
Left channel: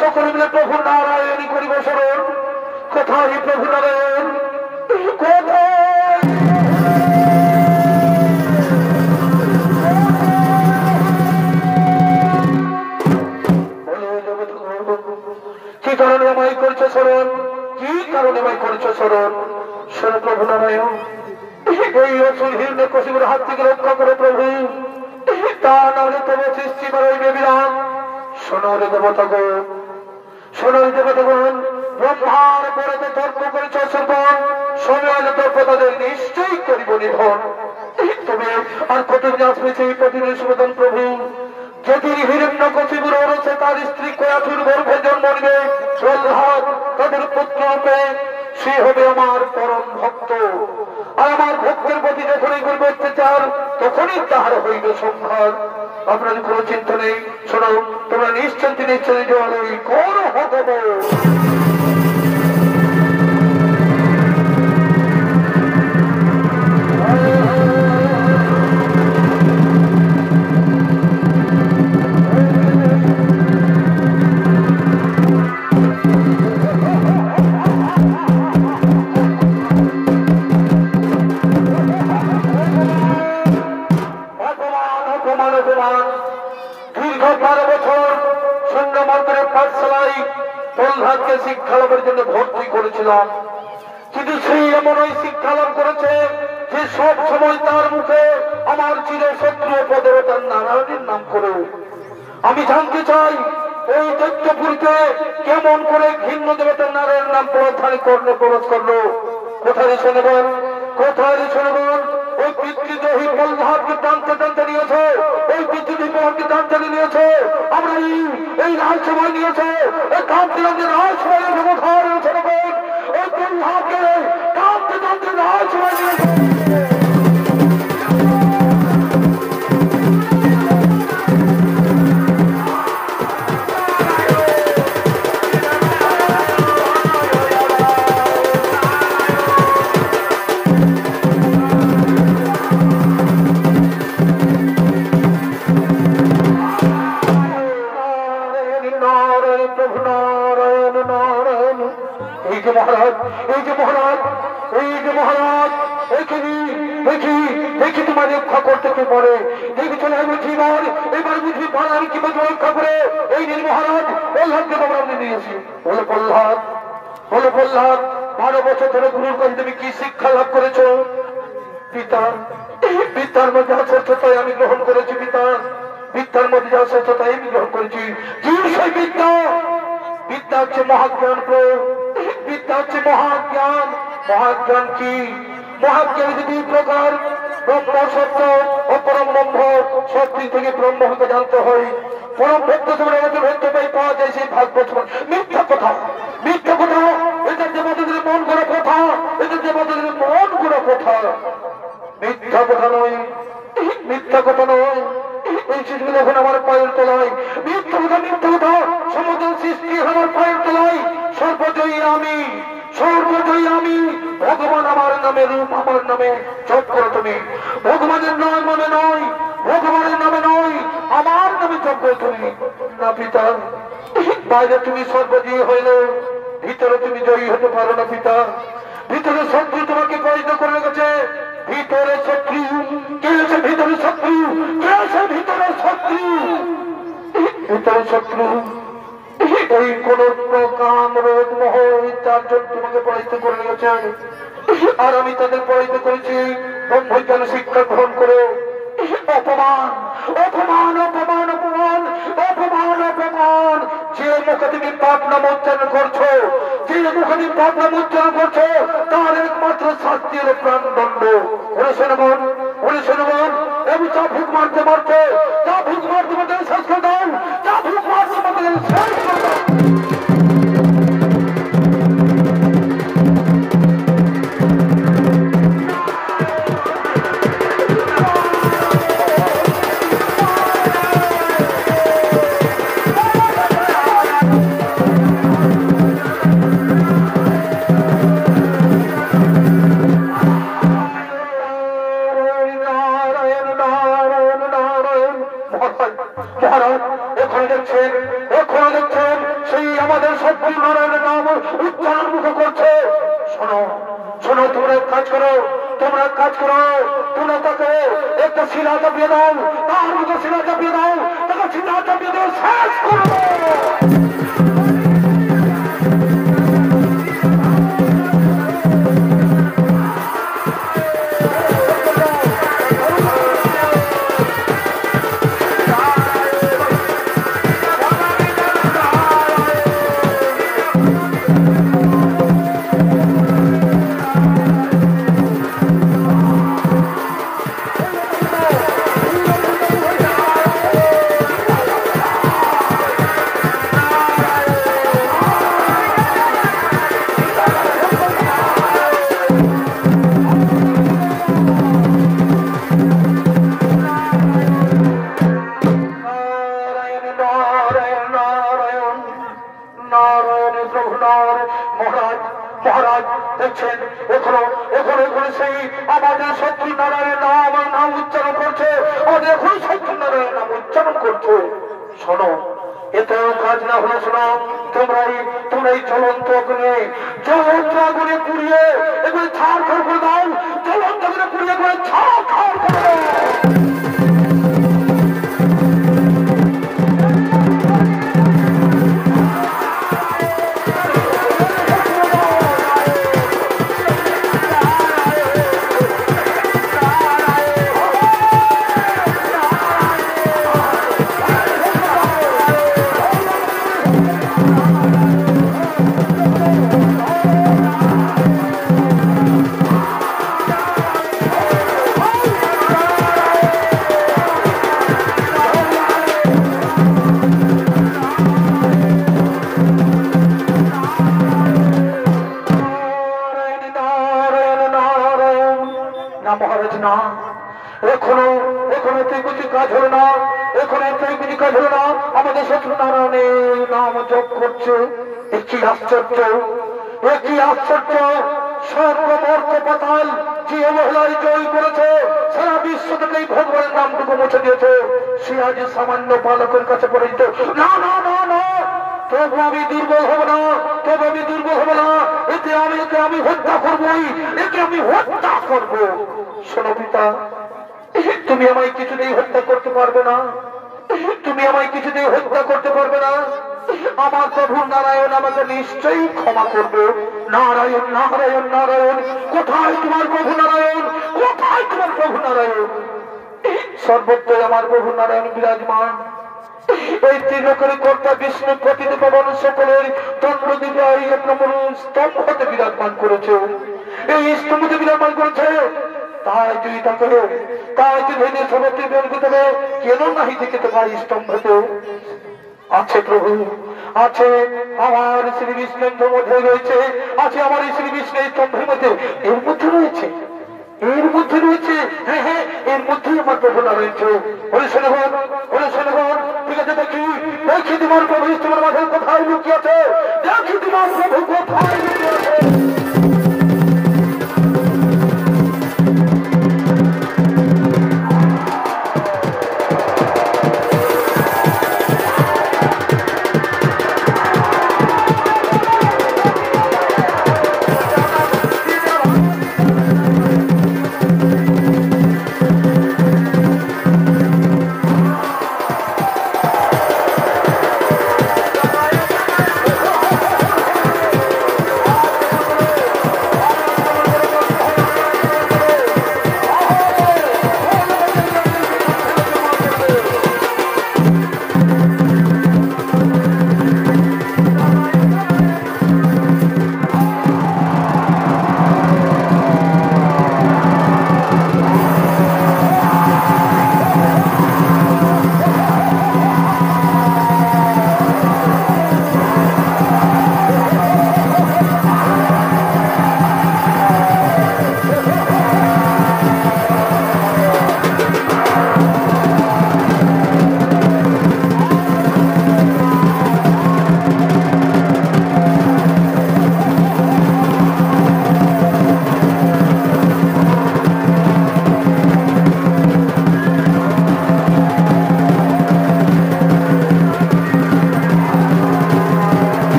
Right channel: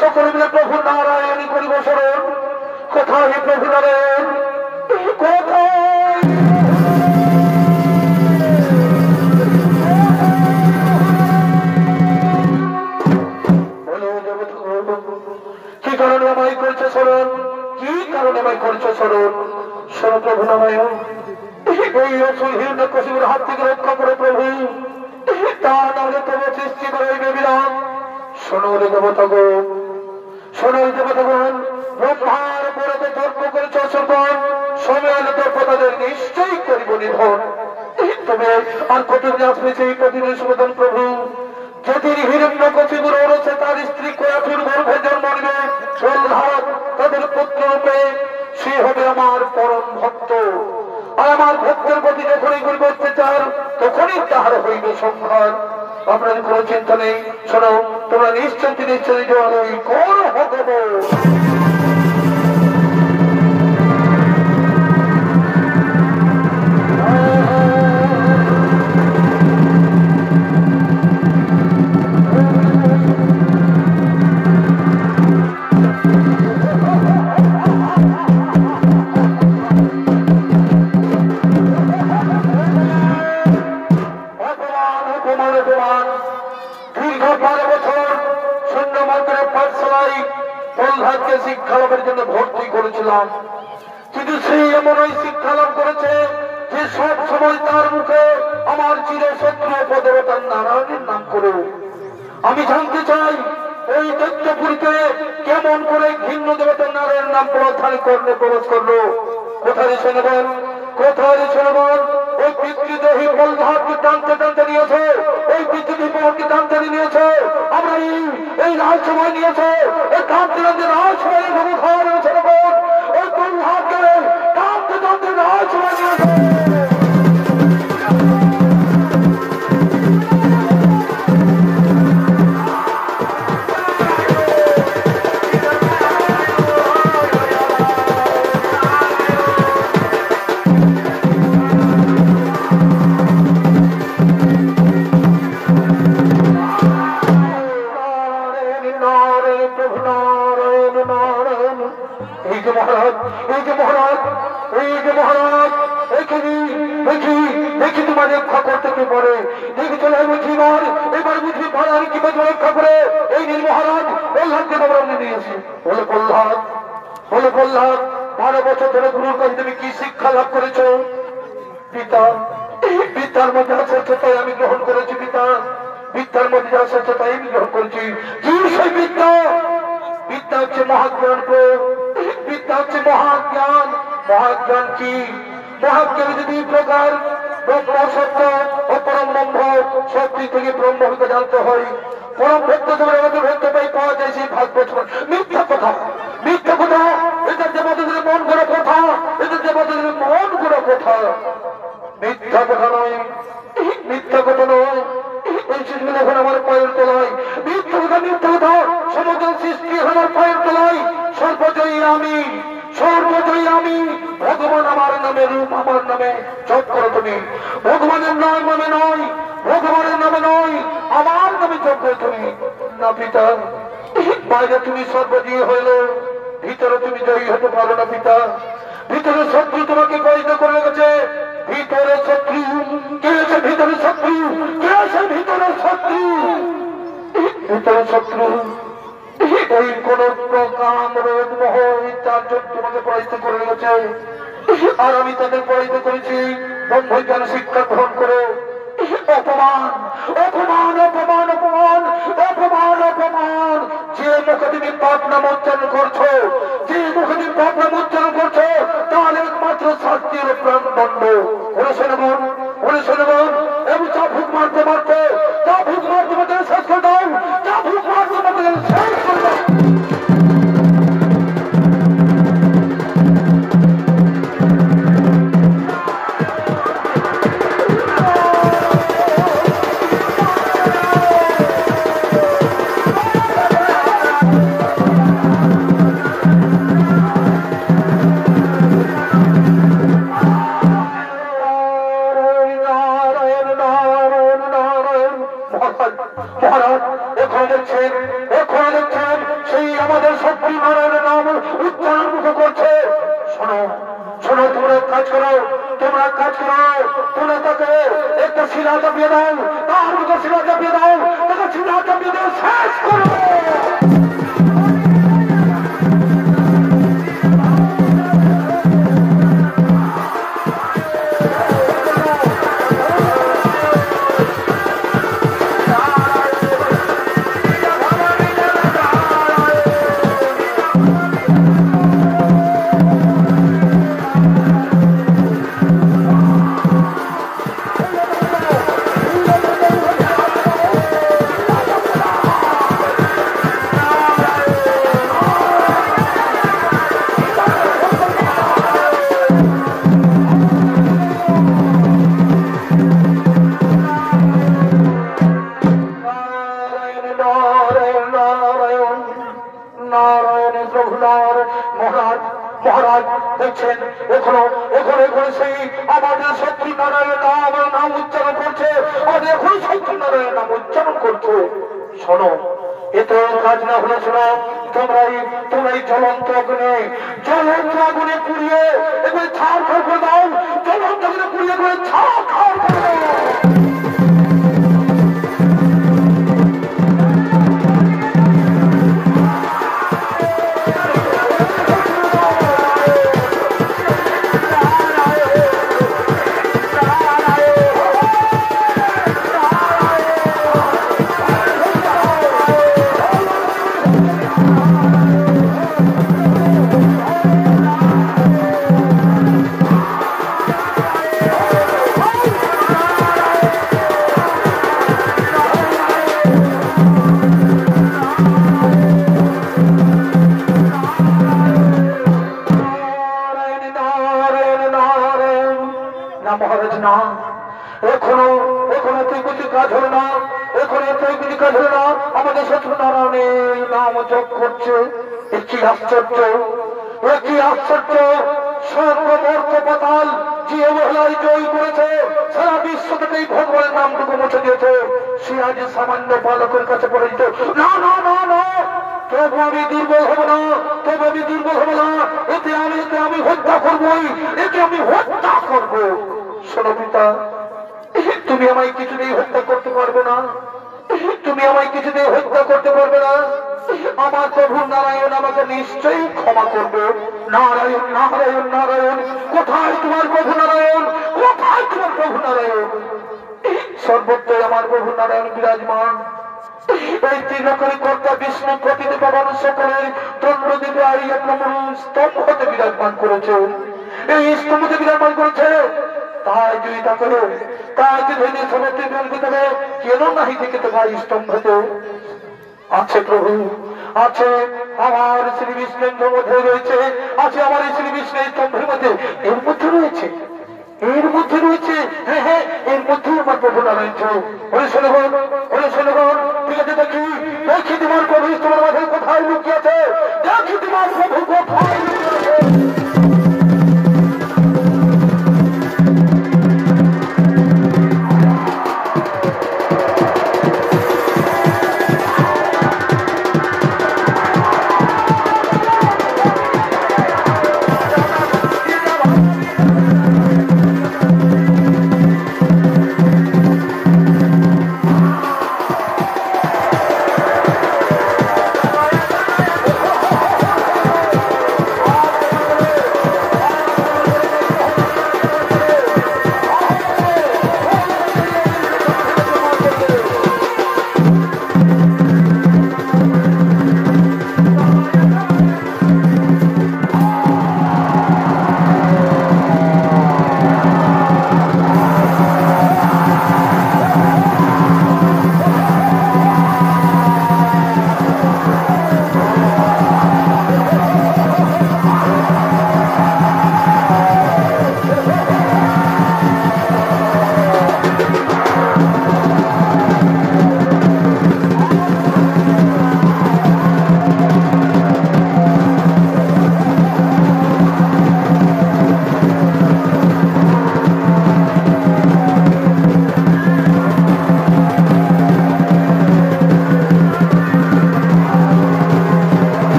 সকলে মিলে প্রভু নারায়ণী করিব স্মরণ। কোথায় প্রভু নারায়ণ, কোথায়? কি কারণে আমায় করছে স্মরণ, কি কারণে আমায় করছে স্মরণ? শোনো প্রভু নারায়ণ, এই অসুলহীন কশিপুর হাত থেকে রক্ষা করে প্রভু, তা নাহলে তোমার সৃষ্টি বাড়াইবে বিরাম। শোনো রে দেবতাগণ, শোনো দেবতাগণ, ব্রহ্মার পরে তর্ক করেছ শ্রবণ, সময় হলে তাদের নিশ্চয়ই করিব নিধন। তবে আর কতদিন আসবে সেই প্রতিদিন সুবেদন প্রভু? যদি হিরণ্য কশিপুর ওরসে তার স্ত্রী কয়াথুর গর্ভে জন্ম নিবে প্রহ্লাদ তাদের পুত্র রূপে, সে হবে আমার পরম ভক্ত। আর আমার ভক্তের প্রতি যখনই করবে অত্যাচার, তখনই তাহার হইবে সংহার। আপনাদের কোনো চিন্তা নেই, শোনো তোমরা নিশ্চিন্তে নিশ্চয়ই কোন হব। প্রহ্লাদকে শিক্ষা লাভের জন্য ভর্তি করেছিলাম, কিন্তু সেই এমন ওই শিক্ষা লাভ করেছে যে সব সময় তার মুখে আমার চির শত্রু পদেবতার নারায়ণের নাম করে। আমি জানতে চাই এই দৈত্যপুরীকে কেমন করে ঘৃণ্য দেবতার নারায়ণের নাম প্রধান কর্ণে প্রবেশ করলো। কোথায় শোনবেন, কোথায় শোনবেন? ওই পিতৃদ্রোহী প্রহ্লাদকে টানতে টানতে নিয়েছে, ওই পিতৃদ্রোহীকে টানতে নিয়েছে, আমরা এই রাজসভায় নিয়েছে, এই টানতে টানতে রাজসভায় ঘর শোনবেন, ওই প্রহ্লাদকে টানতে টানতে রাজসভায় নিয়েছে। রক্ষা করতে কি পারে দেখি চলে এবার এবার বুঝি পাড়ার কি রক্ষা করে এই নীল মহারাজ প্রহ্লাদকে আমরা নিয়েছি। বলে প্রহ্লাদ, বলে প্রহ্লাদ, 12 বছর ধরে গুরুর কাছে তুমি কি শিক্ষা লাভ করেছ? পিতা, পিতার মধ্যে শ্রেষ্ঠতাই আমি গ্রহণ করেছি। পিতা, বিদ্যার মধ্যে যা শ্রেষ্ঠতাই আমি গ্রহণ করেছি। কি সেই বিদ্যা? বিদ্যা হচ্ছে মহাজ্ঞান। বিদ্যা হচ্ছে মহাজ্ঞান। মহাজ্ঞান কি? মহাজ্ঞান যদি 2 প্রকার, ব্রহ্ম সত্য ও পরম ব্রহ্ম। সত্যি থেকে ব্রহ্মকে জানতে হয়। পরম ভক্ত তোমার আমাদের ভক্ত পাই পাওয়া যায় সেই ভাগ্য। মিথ্যা কথা, মিথ্যা কথা, এটা যে বদলের মন গড়া কথা, এটা যে বদলের মন গড়া কথা। মিথ্যা কথা নয়, মিথ্যা কথা নয়। এই শিশুগুলো এখন আমার পায়ের তলায়। মিথ্যা কথা, মিথ্যা কথা, সমগ্র সৃষ্টি আমার পায়ের তলায়। সর্বজয়ী আমি, সর্বজয়ী আমি। ভগবান আমার নামে, রূপ আমার নামে জপ করো তুমি। ভগবানের নামে নয়, ভগবানের নামে নয়, আমার নামে জপ করো তুমি। না পিতা, বাইরে তুমি সর্বজয়ী হইল, ভিতরে তুমি জয়ী হতে পারো না পিতা। ভিতরে শত্রু তোমাকে পরিচিত করে রেখেছে। ভিতরে শত্রু কে আছে? ভিতরে শত্রু কে আছে? ভিতরে শত্রু, ভিতরে শত্রু। এই কোন কাম রোগ মোহ ইত্যাদি তোমাকে পরিচিত করে রেখেছে। আর আমি তাদের পরিচিত করেছি ব্রহ্মজ্ঞান শিক্ষা গ্রহণ করে। অপমান, অপমান, অপমান, অপমান, অপমান, অপমান। যে মুখে তুমি পাপ নাম উচ্চারণ করছো, যে মুখে তুমি পাপ নাম উচ্চারণ করছো, তার একমাত্র শাস্তির প্রাণদণ্ড। ওরে শোনবন, ওরে শোনবন, আমি চা ভুক মারতে মারতে, চা ভুক মারতে মারতে শেষ করে দাও, চা ভুক মারতে মারতে শেষ করে দাও। আমাদের সত্যি নারায়ণের নাম উচ্চারণ মুখ করছে। শোনো শোনো, তোমরা এক কাজ করো, তোমরা তাকে একটা শিলা চাপিয়ে দাও, তার মুখে শিলা চাপিয়ে দাও, তাকে শিলা চাপিয়ে দাও, শেষ করো। মহারাজ দেখছেন এখনো সেই আমাদের সত্যনারায়ণের নাম উচ্চারণ করছে, আমাদের এখন সত্যনারায়ণের নাম উচ্চারণ করছে। শোনো, এতে কাজ না হলো, শোনো, তোমরাই জ্বলন্ত আগুনে পুড়িয়ে এগুলি ছাড় করে দাও, জ্বলন্ত আগুনে পুড়িয়ে করে ছাড় করে দাও। আমাদের সত্যনারায়ণের নাম জপ করছে। কি আশ্চর্য, কি আশ্চর্য! স্বর্গ মর্ত পাতাল যে অবহেলায় জয় করেছে, সারা বিশ্ব থেকে ভগবানের নামটুকু মুছে দিয়েছে, সে আজ সামান্য বালকের কাছে পরিচিত। না না না না, তবু আমি দুর্বল হব না, এতে আমি হত্যা করবই, আমি হত্যা করবো। শোনো পিতা, তুমি আমায় কিছুতেই হত্যা করতে পারবে না, আমার প্রভু নারায়ণ আমাকে নিশ্চয়ই ক্ষমা করবে। নারায়ণ নারায়ণ নারায়ণ, কোথায় তোমার প্রভু নারায়ণ, সর্বত্রই আমার প্রভু নারায়ণ বিরাজমান। এই ত্রিলোকের কর্তা বিষ্ণু প্রতিটি পাবন সকলের দণ্ড দিতে এক নম্বর স্তম্ভ হতে বিরাজমান করেছে, এই স্তম্ভতে বিরাজমান করেছে। তাই যদি তাকে ভেঙে সবটি বেরোতে হবে, কেন নাহি থেকে তোমার স্তম্ভতে আছে প্রভু, আছে আমার শ্রী বিষ্ণুর মধ্যে রয়েছে, আছে আমার শ্রী বিষ্ণুর স্তম্ভের মধ্যে, এর মধ্যে রয়েছে, হ্যাঁ হ্যাঁ, এর মধ্যে আমার প্রভু রয়েছে। ঠিক আছে, দেখি তোমার প্রভু তোমার মাঝে কোথায় লুকিয়েছে, দেখি তোমার প্রভু কোথায় লুকিয়েছে।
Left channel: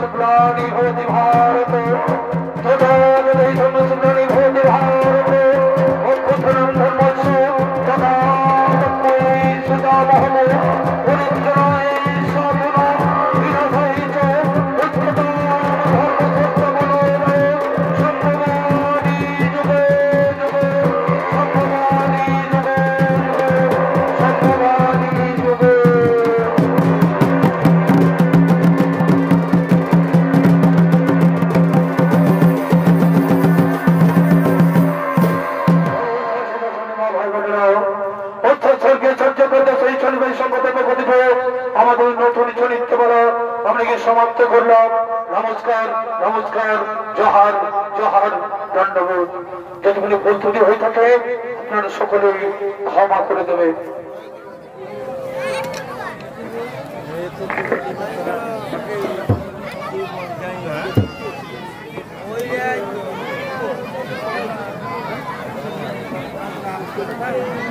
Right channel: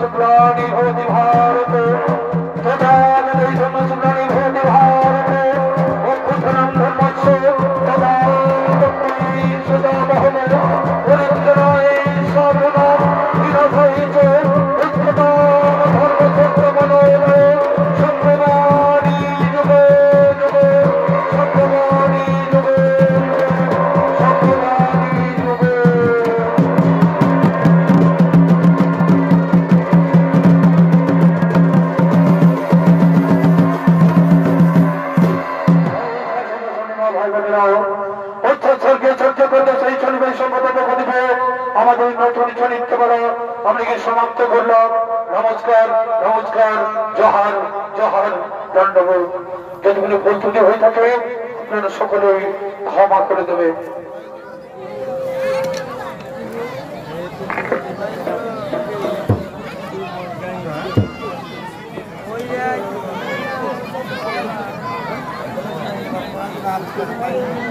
शुक्लानि भवति भारत तदा वै धर्म शुक्लानि भवति भारत मोक्षं धर्मस्य तदा तस्मै सदा महम पुनर्जनाय साधुना विनाशाय च उच्चता धर्मसत्यमनोमय संभवानि युगे युगे संभवानि युगे संभवानि युगे আমাদের নতুন চরিত্রবেলা আপনাকে সমাপ্ত করলাম। নমস্কার নমস্কার, জোহার জোহার, দণ্ডবোধ। যদি কোনো ভুল ত্রুটি হয়ে থাকে আপনারা সকলেই ক্ষমা করে দেবেন। Hey!